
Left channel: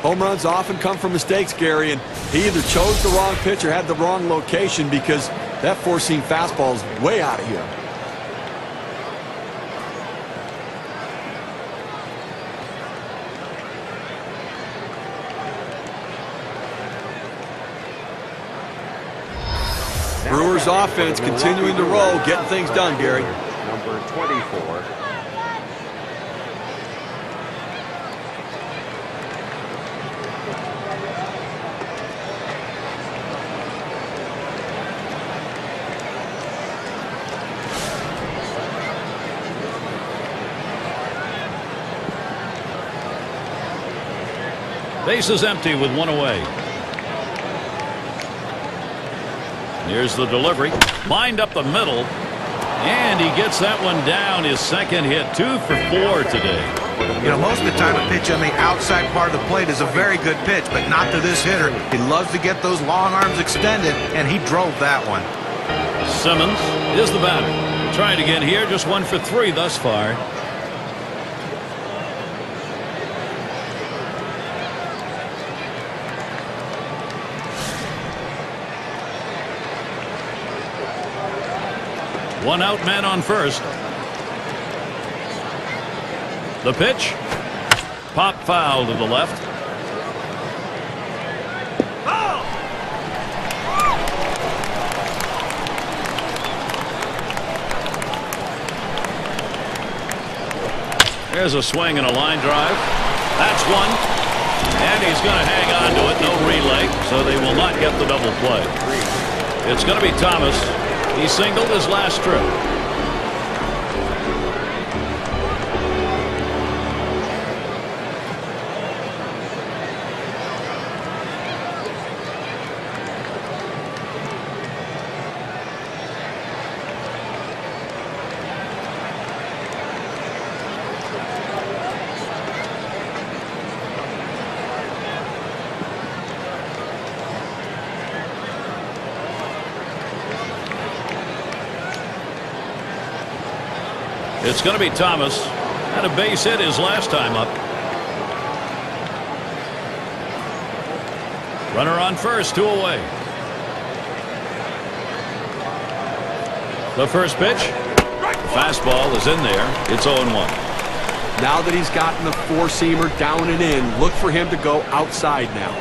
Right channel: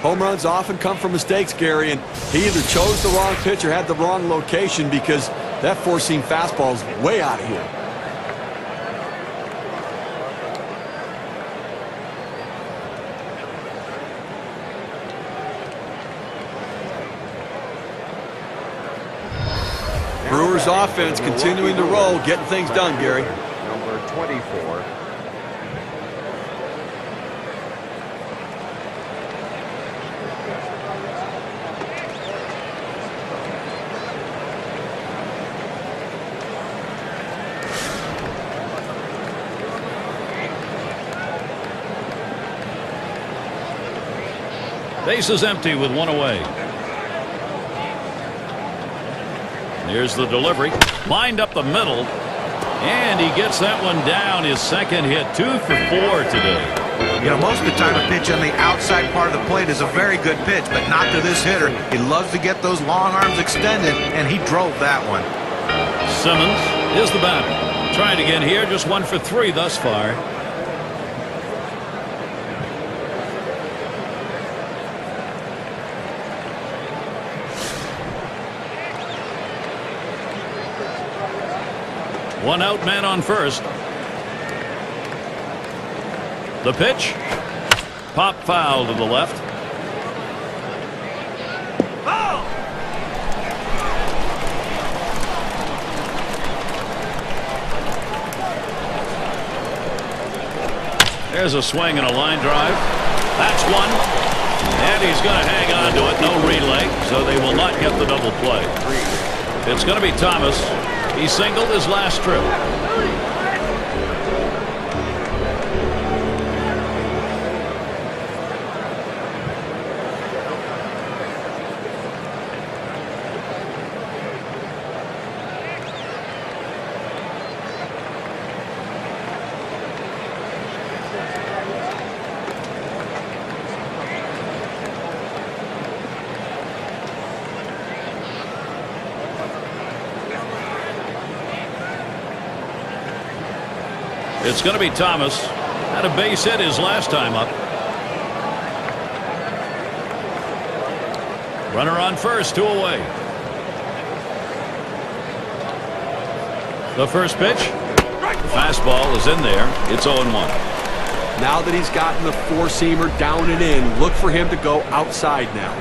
Home runs often come from mistakes, Gary, and he either chose the wrong pitch or had the wrong location, because that four-seam fastball is way out of here. Brewers offense continuing to roll, getting things done, Gary. Base is empty with one away. Here's the delivery. Lined up the middle. And he gets that one down. His second hit. 2 for 4 today. You know, most of the time a pitch on the outside part of the plate is a very good pitch, but not to this hitter. He loves to get those long arms extended, and he drove that one. Simmons is the batter. Trying again here. Just 1 for 3 thus far. One out, man on first. The pitch. Pop foul to the left. Foul! There's a swing and a line drive. That's one. And he's going to hang on to it. No relay, so they will not get the double play. It's going to be Thomas. He singled his last trip. It's going to be Thomas. Had a base hit his last time up. Runner on first, 2 away. The first pitch. The fastball is in there. It's 0-1. Now that he's gotten the four-seamer down and in, look for him to go outside now.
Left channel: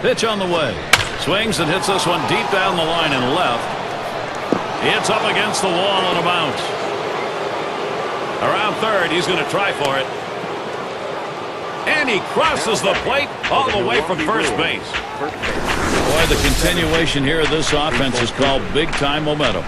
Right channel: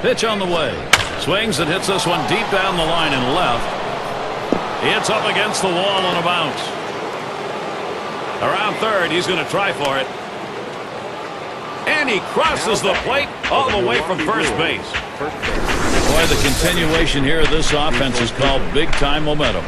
Pitch on the way. Swings and hits this one deep down the line and left. It's up against the wall on a bounce. Around third, he's going to try for it. And he crosses the plate all the way from first base. Boy, the continuation here of this offense is called big-time momentum.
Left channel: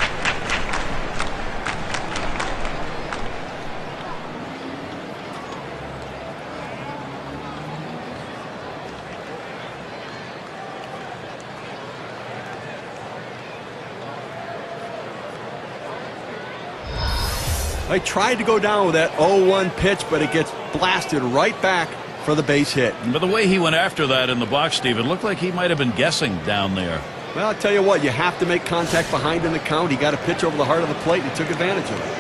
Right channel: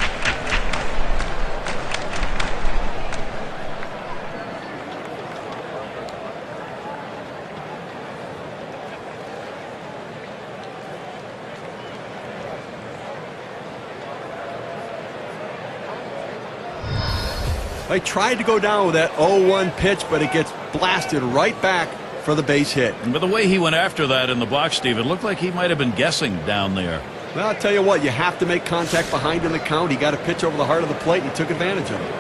I tried to go down with that 0-1 pitch, but it gets blasted right back for the base hit. But the way he went after that in the box, Steve, it looked like he might have been guessing down there. Well, I'll tell you what, you have to make contact behind in the count. He got a pitch over the heart of the plate, and he took advantage of it.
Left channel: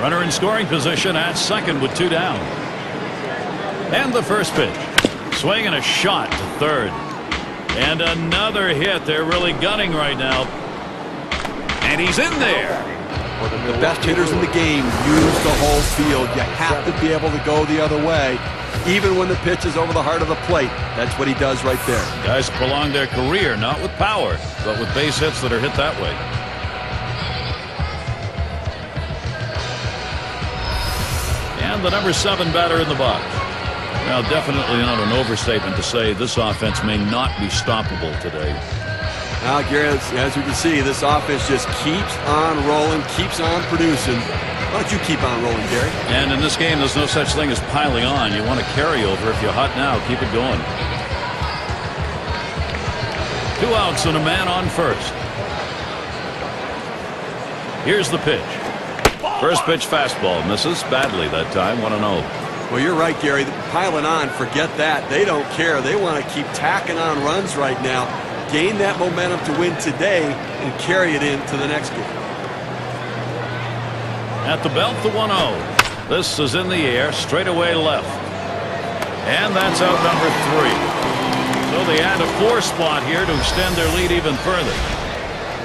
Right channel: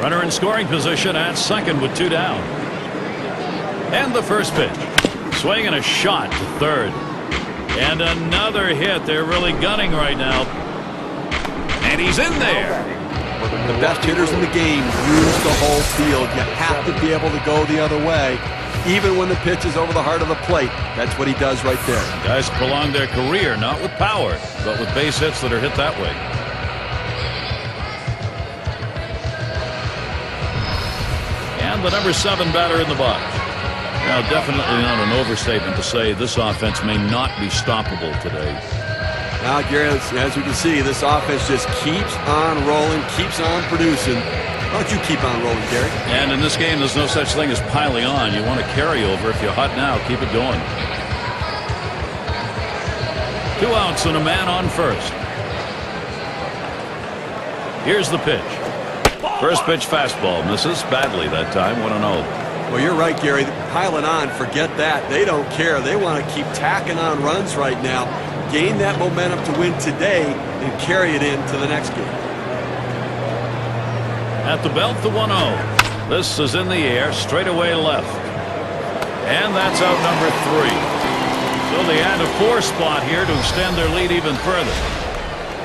Runner in scoring position at second with 2 down. And the first pitch. Swing and a shot to third. And another hit. They're really gunning right now. And he's in there. The best hitters in the game use the whole field. You have to be able to go the other way, even when the pitch is over the heart of the plate. That's what he does right there. Guys prolong their career, not with power, but with base hits that are hit that way. And the number 7 batter in the box. Now, definitely not an overstatement to say this offense may not be stoppable today. Now, Gary, as we can see, this offense just keeps on rolling, keeps on producing. Why don't you keep on rolling, Gary? And in this game, there's no such thing as piling on. You want to carry over. If you're hot now, keep it going. 2 outs and a man on first. Here's the pitch. First pitch fastball misses badly that time. 1-0. Well, you're right, Gary. Piling on, forget that. They don't care. They want to keep tacking on runs right now, gain that momentum to win today, and carry it into the next game. At the belt, the 1-0. This is in the air, straight away left. And that's out number 3. So they add a 4 spot here to extend their lead even further.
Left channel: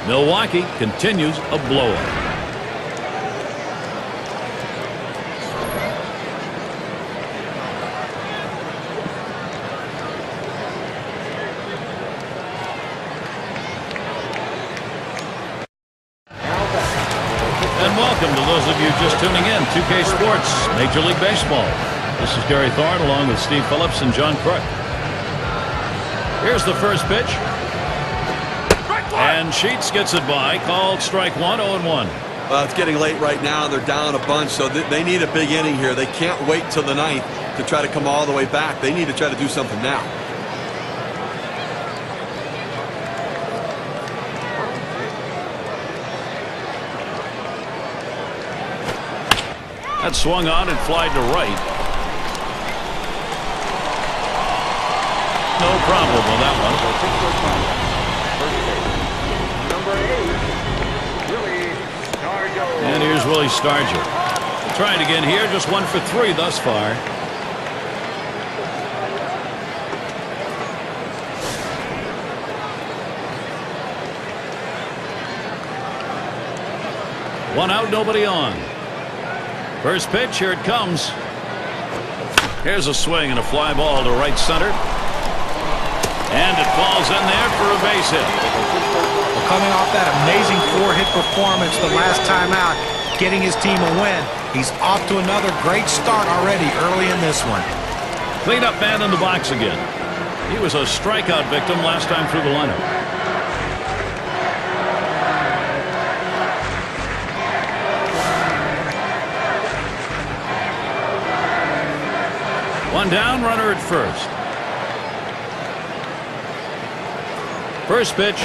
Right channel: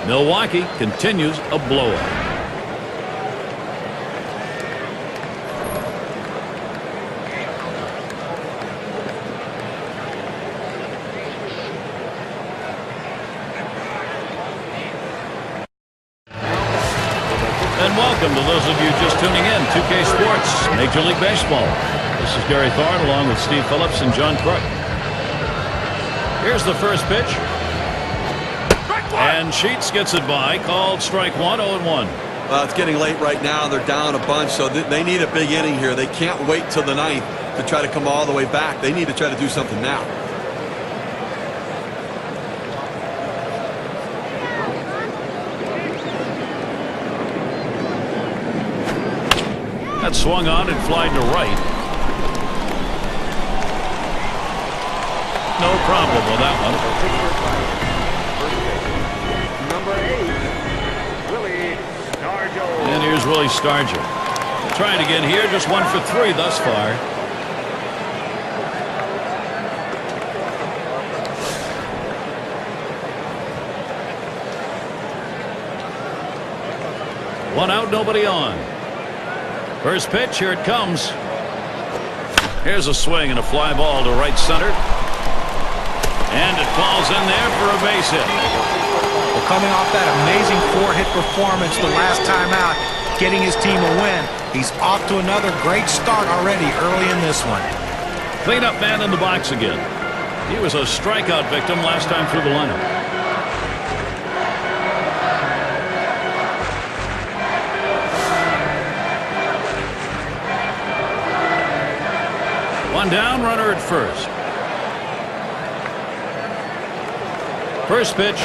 Milwaukee continues a blowout. And welcome to those of you just tuning in. 2K Sports, Major League Baseball. This is Gary Thorne along with Steve Phillips and John Crook. Here's the first pitch. And Sheets gets it by. Called strike 1, 0-1. Well, it's getting late right now. They're down a bunch, so they need a big inning here. They can't wait till the 9th to try to come all the way back. They need to try to do something now. That swung on and flied to right. No problem with that one. And here's Willie Stargell. We'll try it again here. Just 1 for 3 thus far. One out, nobody on. First pitch, here it comes. Here's a swing and a fly ball to right center. And it falls in there for a base hit. Well, coming off that amazing 4-hit performance the last time out, getting his team a win, he's off to another great start already early in this one. Cleanup man in the box again. He was a strikeout victim last time through the lineup. One down, runner at first. First pitch.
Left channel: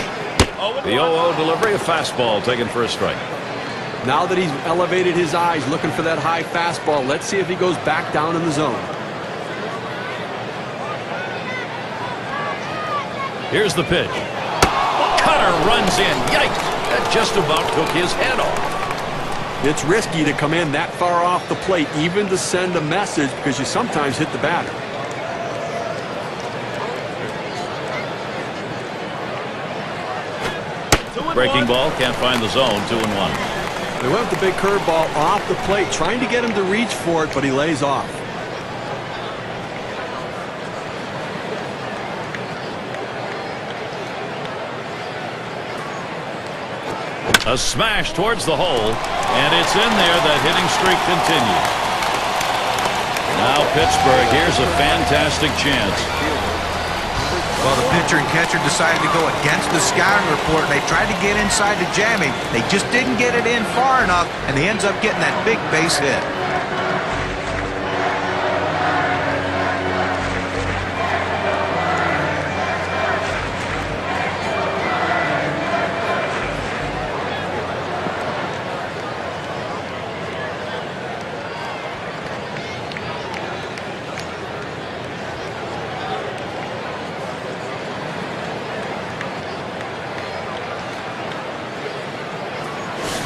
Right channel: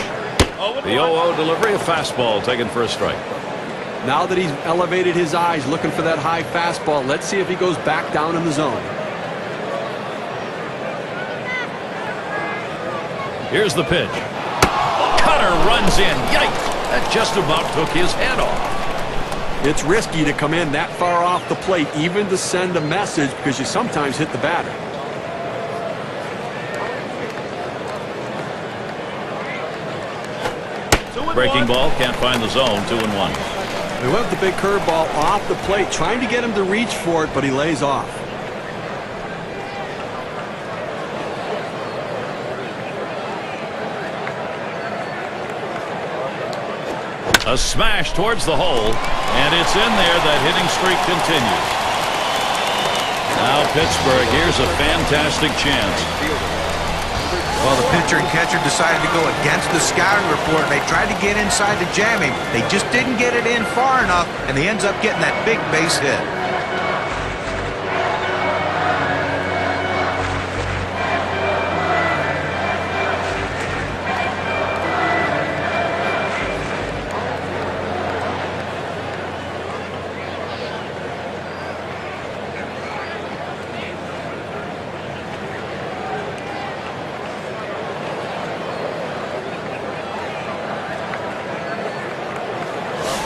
The 0-0 delivery, a fastball taken for a strike. Now that he's elevated his eyes looking for that high fastball, let's see if he goes back down in the zone. Here's the pitch. Cutter runs in. Yikes! That just about took his head off. It's risky to come in that far off the plate, even to send a message, because you sometimes hit the batter. Breaking ball, can't find the zone. 2-1. They went with the big curveball off the plate, trying to get him to reach for it, but he lays off. A smash towards the hole, and it's in there. That hitting streak continues. Now Pittsburgh, here's a fantastic chance. Well, the pitcher and catcher decided to go against the scouting report. They tried to get inside to jam him. They just didn't get it in far enough, and he ends up getting that big base hit.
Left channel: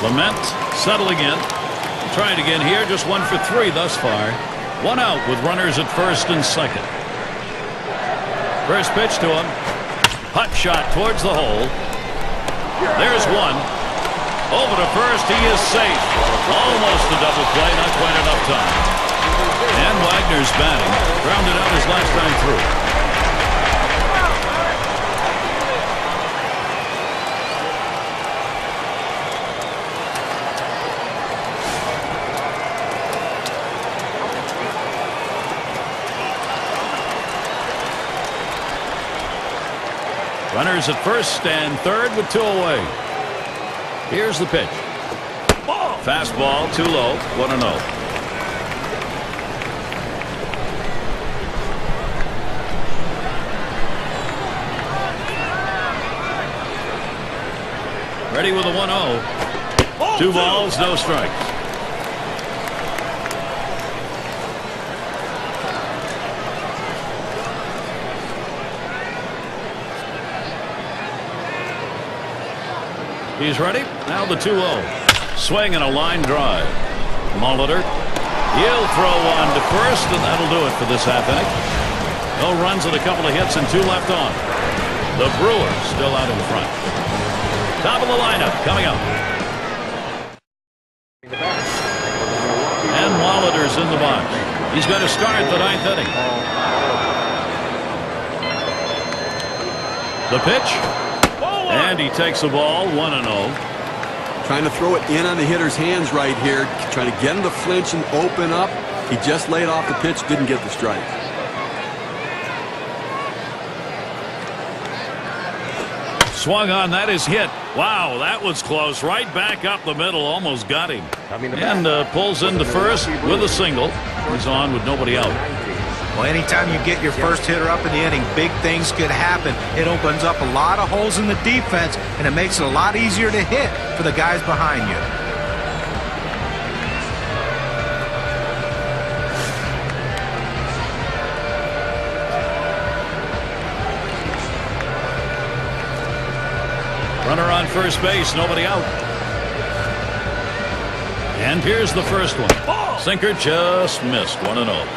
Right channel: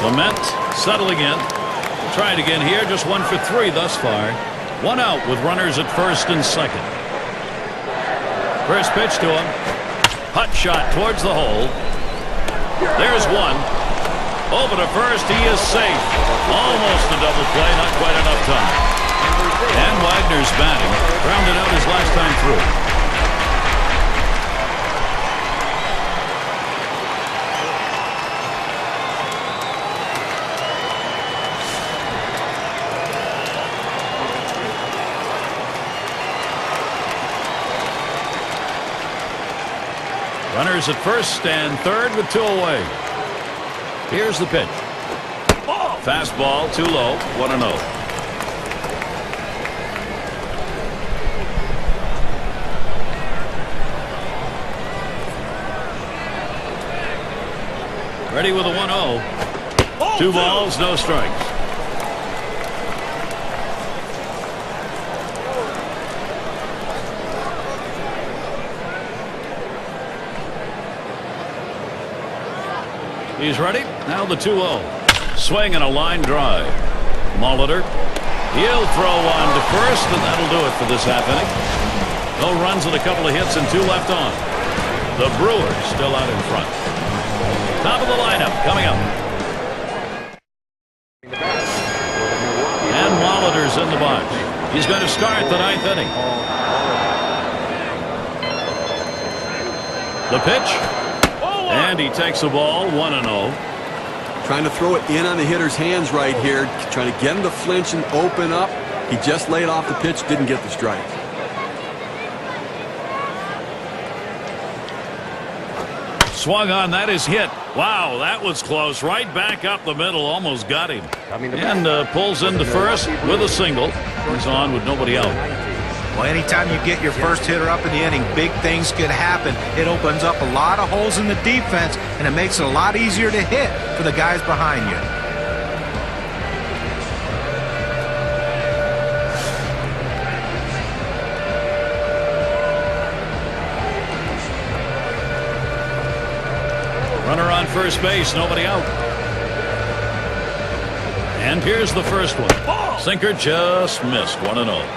Clement settling in. We'll try it again here. Just 1 for 3 thus far. 1 out with runners at first and second. First pitch to him. Hot shot towards the hole. There's one. Over to first. He is safe. Almost a double play. Not quite enough time. And Wagner's batting. Grounded out his last time through. Runners at first and third with 2 away. Here's the pitch. Fastball too low. 1-0. Ready with a 1-0. 2 balls, no strikes. He's ready. Now the 2-0. Swing and a line drive. Molitor. He'll throw on to first, and that'll do it for this half inning. No runs and a couple of hits and 2 left on. The Brewers still out in front. Top of the lineup coming up. And Molitor's in the box. He's going to start the 9th inning. The pitch. And he takes the ball. 1-0. Trying to throw it in on the hitter's hands right here. Trying to get him to flinch and open up. He just laid off the pitch. Didn't get the strike. Swung on. That is hit. Wow, that was close. Right back up the middle. Almost got him. And pulls into first with a single. He's on with nobody out. Well, anytime you get your first hitter up in the inning, big things could happen. It opens up a lot of holes in the defense, and it makes it a lot easier to hit for the guys behind you. Runner on first base, nobody out. And here's the first one. Sinker just missed. 1-0.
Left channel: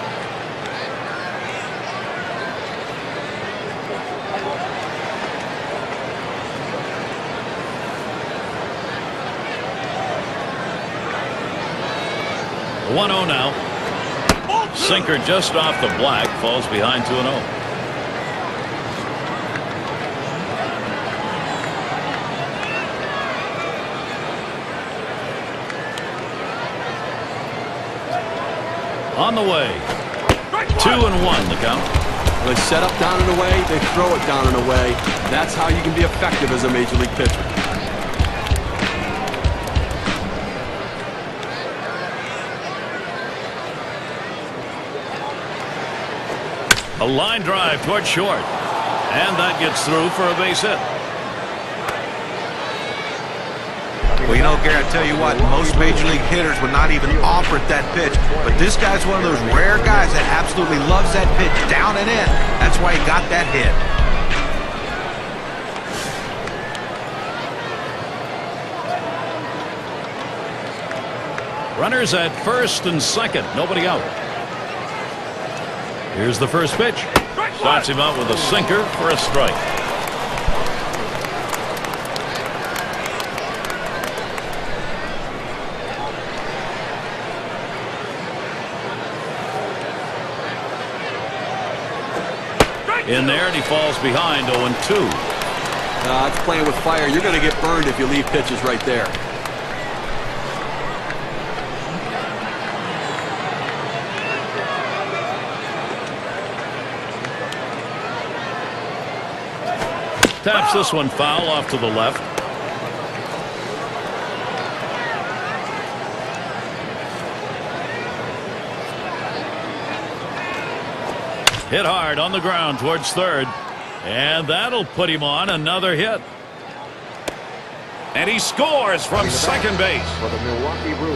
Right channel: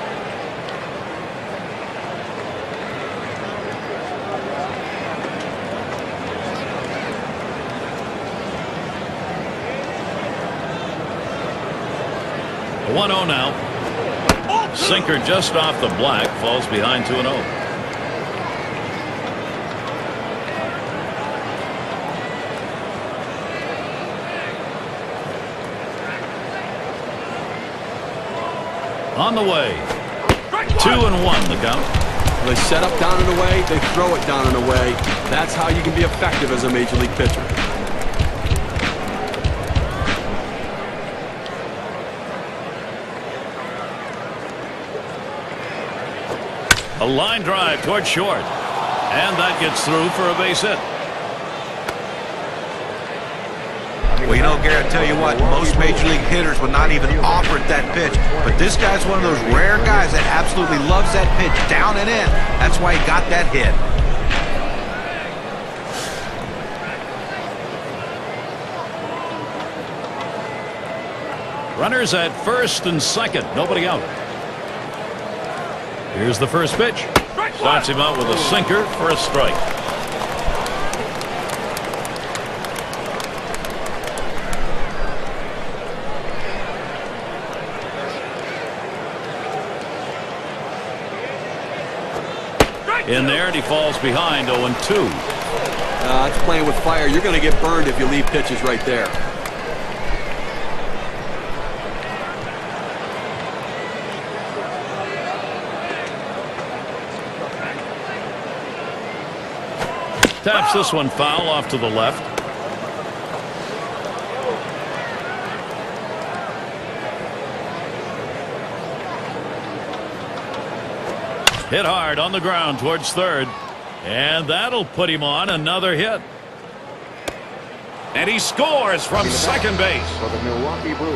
The 1-0 now. Sinker just off the black. Falls behind 2-0. On the way. 2-1 the count. Well, they set up down and away. They throw it down and away. That's how you can be effective as a major league pitcher. A line drive towards short. And that gets through for a base hit. Well, you know, Gary, I tell you what, most major league hitters would not even offer it that pitch. But this guy's one of those rare guys that absolutely loves that pitch down and in. That's why he got that hit. Runners at first and second. Nobody out. Here's the first pitch. Starts him out with a sinker for a strike. In there, and he falls behind 0-2. It's playing with fire. You're going to get burned if you leave pitches right there. Taps this one foul off to the left. Hit hard on the ground towards third. And that'll put him on another hit. And he scores from second base.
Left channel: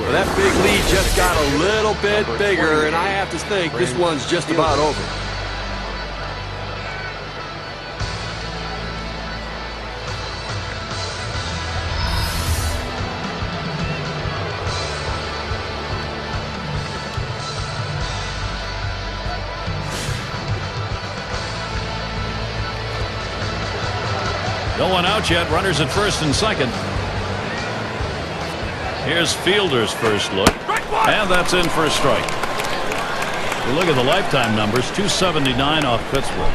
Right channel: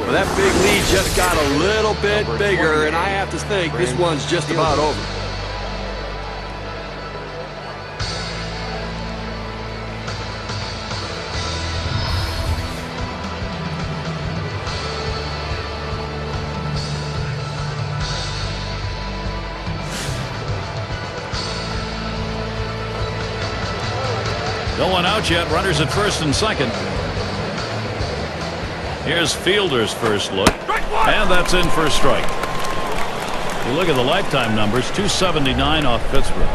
Well, that big lead just got a little bit bigger, and I have to think this one's just about over. No one out yet. Runners at first and second. Here's Fielder's first look. And that's in for a strike. You look at the lifetime numbers, 279 off Pittsburgh.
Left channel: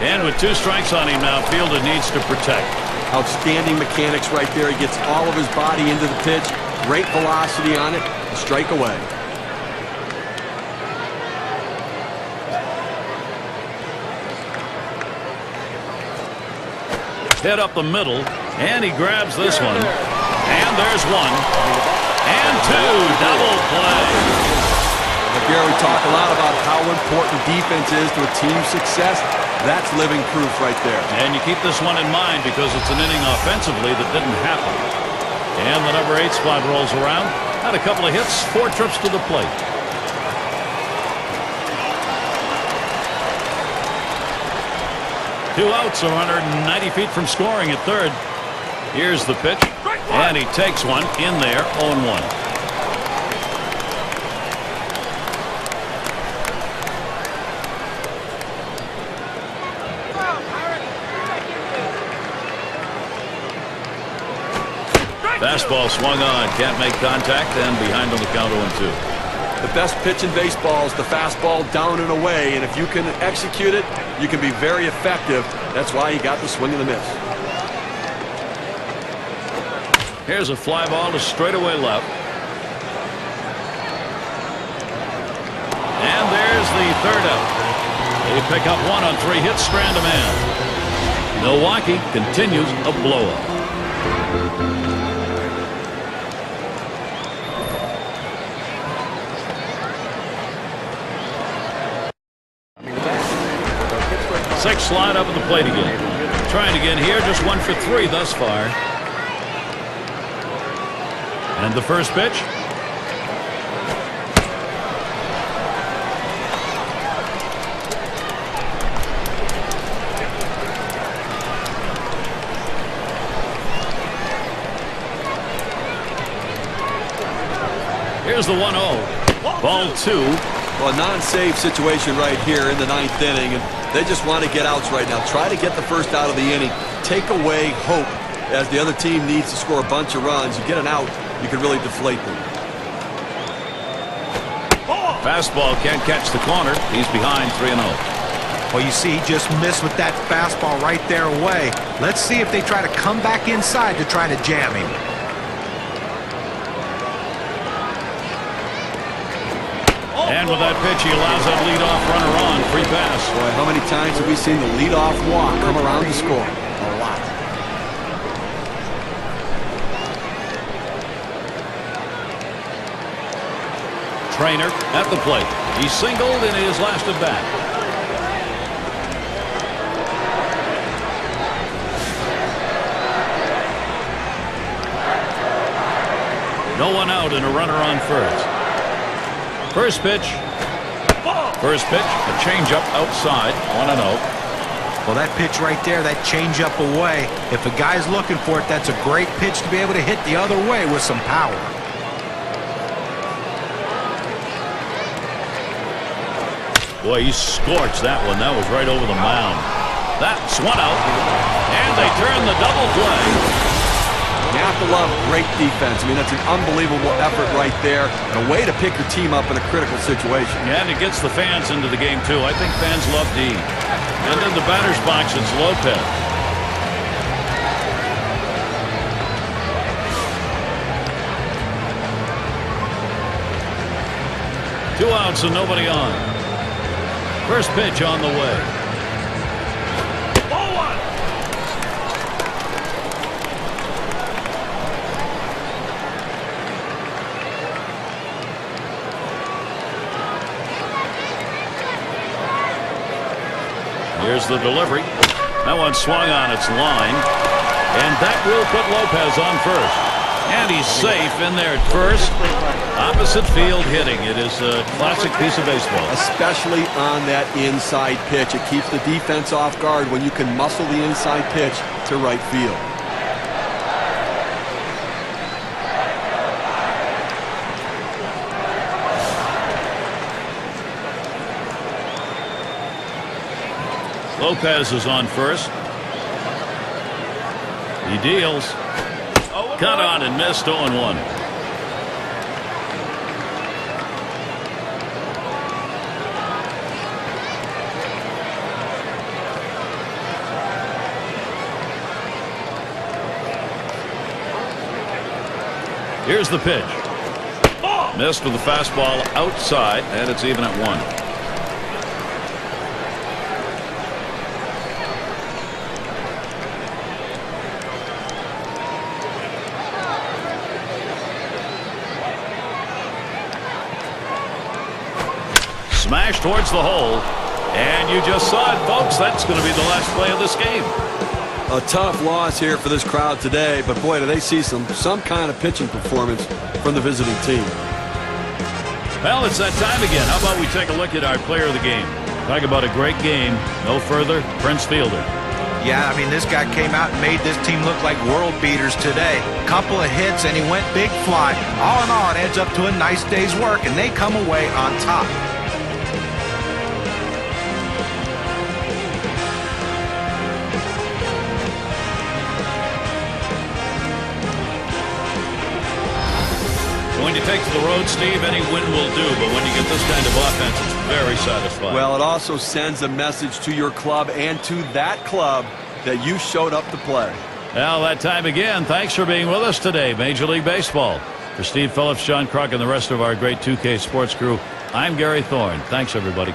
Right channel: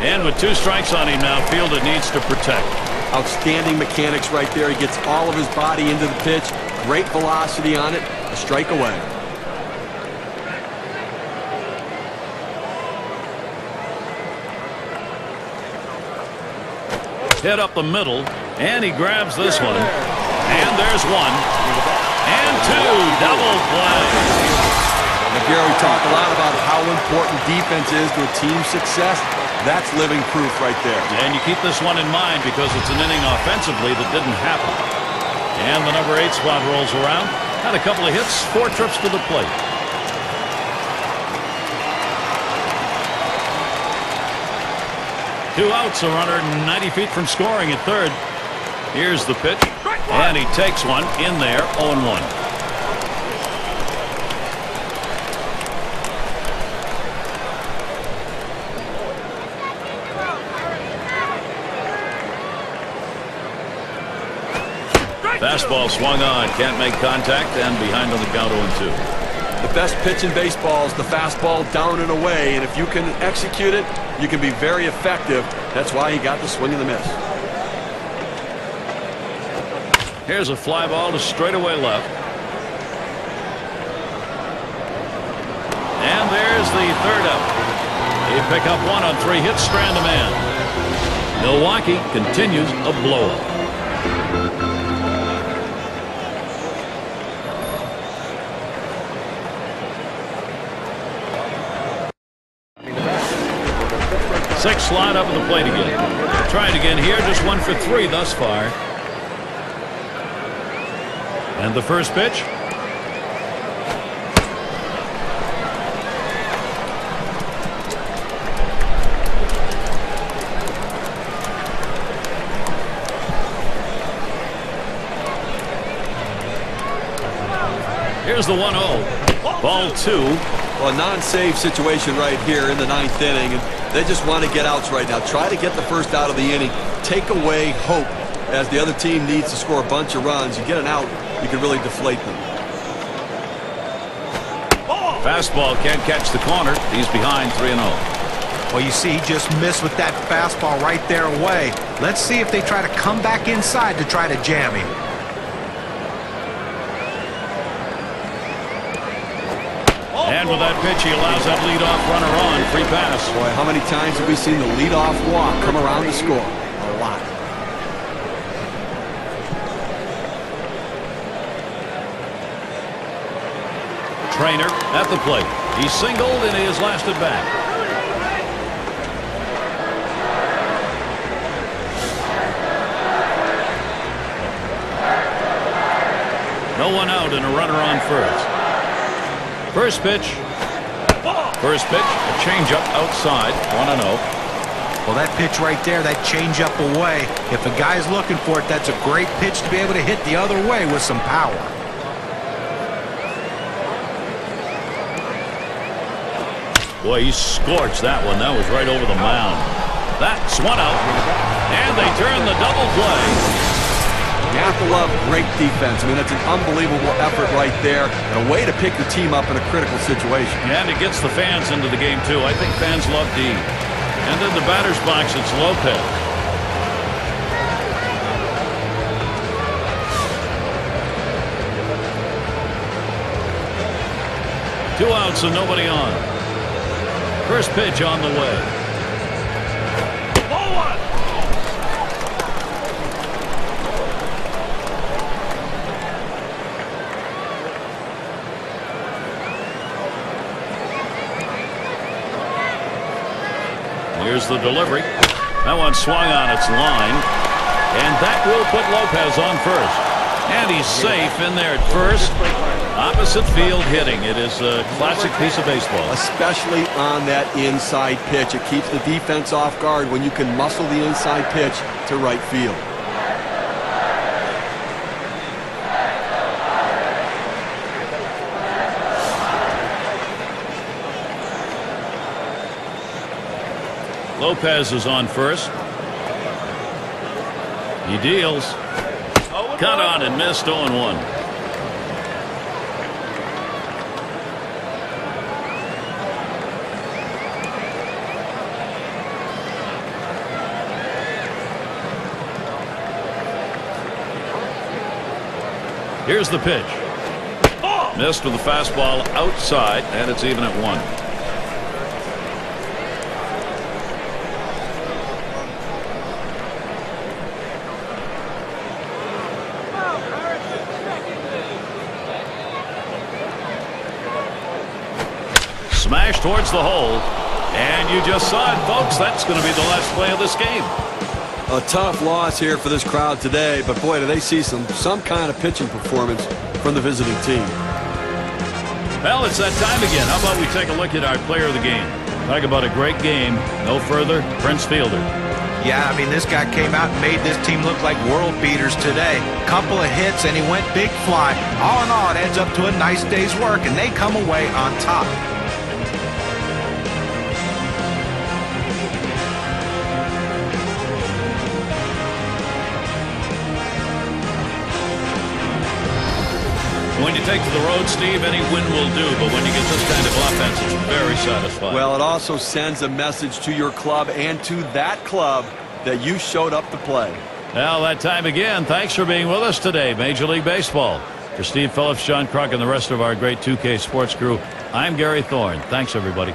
And with 2 strikes on him now, Fielder needs to protect. Outstanding mechanics right there. He gets all of his body into the pitch. Great velocity on it. A strike away. Hit up the middle, and he grabs this one. And there's 1. And 2. Double play. Now, Gary, we talk a lot about how important defense is to a team's success. That's living proof right there. And you keep this one in mind because it's an inning offensively that didn't happen. And the number 8 spot rolls around. Had a couple of hits, 4 trips to the plate. Two outs, a runner 90 feet from scoring at third. Here's the pitch. And he takes one in there, 0-1. Fastball swung on, can't make contact, and behind on the count 0-2. The best pitch in baseball is the fastball down and away, and if you can execute it, you can be very effective. That's why he got the swing and the miss. Here's a fly ball to straightaway left. And there's the third out. They pick up 1 on 3 hits, strand a man. Milwaukee continues a blowout. Six slide up at the plate again. Trying again here, just 1 for 3 thus far. And the first pitch. Here's the 1-0. Ball 2. Well, a non-save situation right here in the 9th inning, and they just want to get outs right now. Try to get the first out of the inning. Take away hope as the other team needs to score a bunch of runs. You get an out, you can really deflate them. Fastball can't catch the corner. He's behind 3-0. Well, you see, he just missed with that fastball right there away. Let's see if they try to come back inside to try to jam him. And with that pitch, he allows that leadoff runner on. Free pass. Boy, how many times have we seen the leadoff walk come around to score? A lot. Trainer at the plate. He singled in his last at bat. No one out and a runner on first. First pitch. First pitch, a changeup outside, 1-0. Well, that pitch right there, that changeup away, if a guy's looking for it, that's a great pitch to be able to hit the other way with some power. Boy, he scorched that one. That was right over the mound. That's 1 out. And they turn the double play. You have to love great defense. I mean, that's an unbelievable effort right there and a way to pick your team up in a critical situation. And it gets the fans into the game, too. I think fans love D. And in the batter's box, it's Lopez. Two outs and nobody on. First pitch on the way. Ball 1. Here's the delivery. That one swung on its line. And that will put Lopez on first. And he's safe in there at first. Opposite field hitting. It is a classic piece of baseball. Especially on that inside pitch. It keeps the defense off guard when you can muscle the inside pitch to right field. Lopez is on first. He deals. Cut on and missed 0-1. Here's the pitch. Missed with the fastball outside, and it's even at 1. Smash towards the hole, and you just saw it, folks. That's going to be the last play of this game. A tough loss here for this crowd today, but boy, do they see some kind of pitching performance from the visiting team. Well, it's that time again. How about we take a look at our player of the game? Talk about a great game. No further, Prince Fielder. Yeah, I mean, this guy came out and made this team look like world beaters today. Couple of hits, and he went big fly. All in all, it adds up to a nice day's work, and they come away on top. When you take to the road, Steve, any win will do, but when you get this kind of offense, it's very satisfying. Well, it also sends a message to your club and to that club that you showed up to play. Now, that time again, thanks for being with us today, Major League Baseball. For Steve Phillips, John Kruk, and the rest of our great 2K Sports crew, I'm Gary Thorne. Thanks, everybody.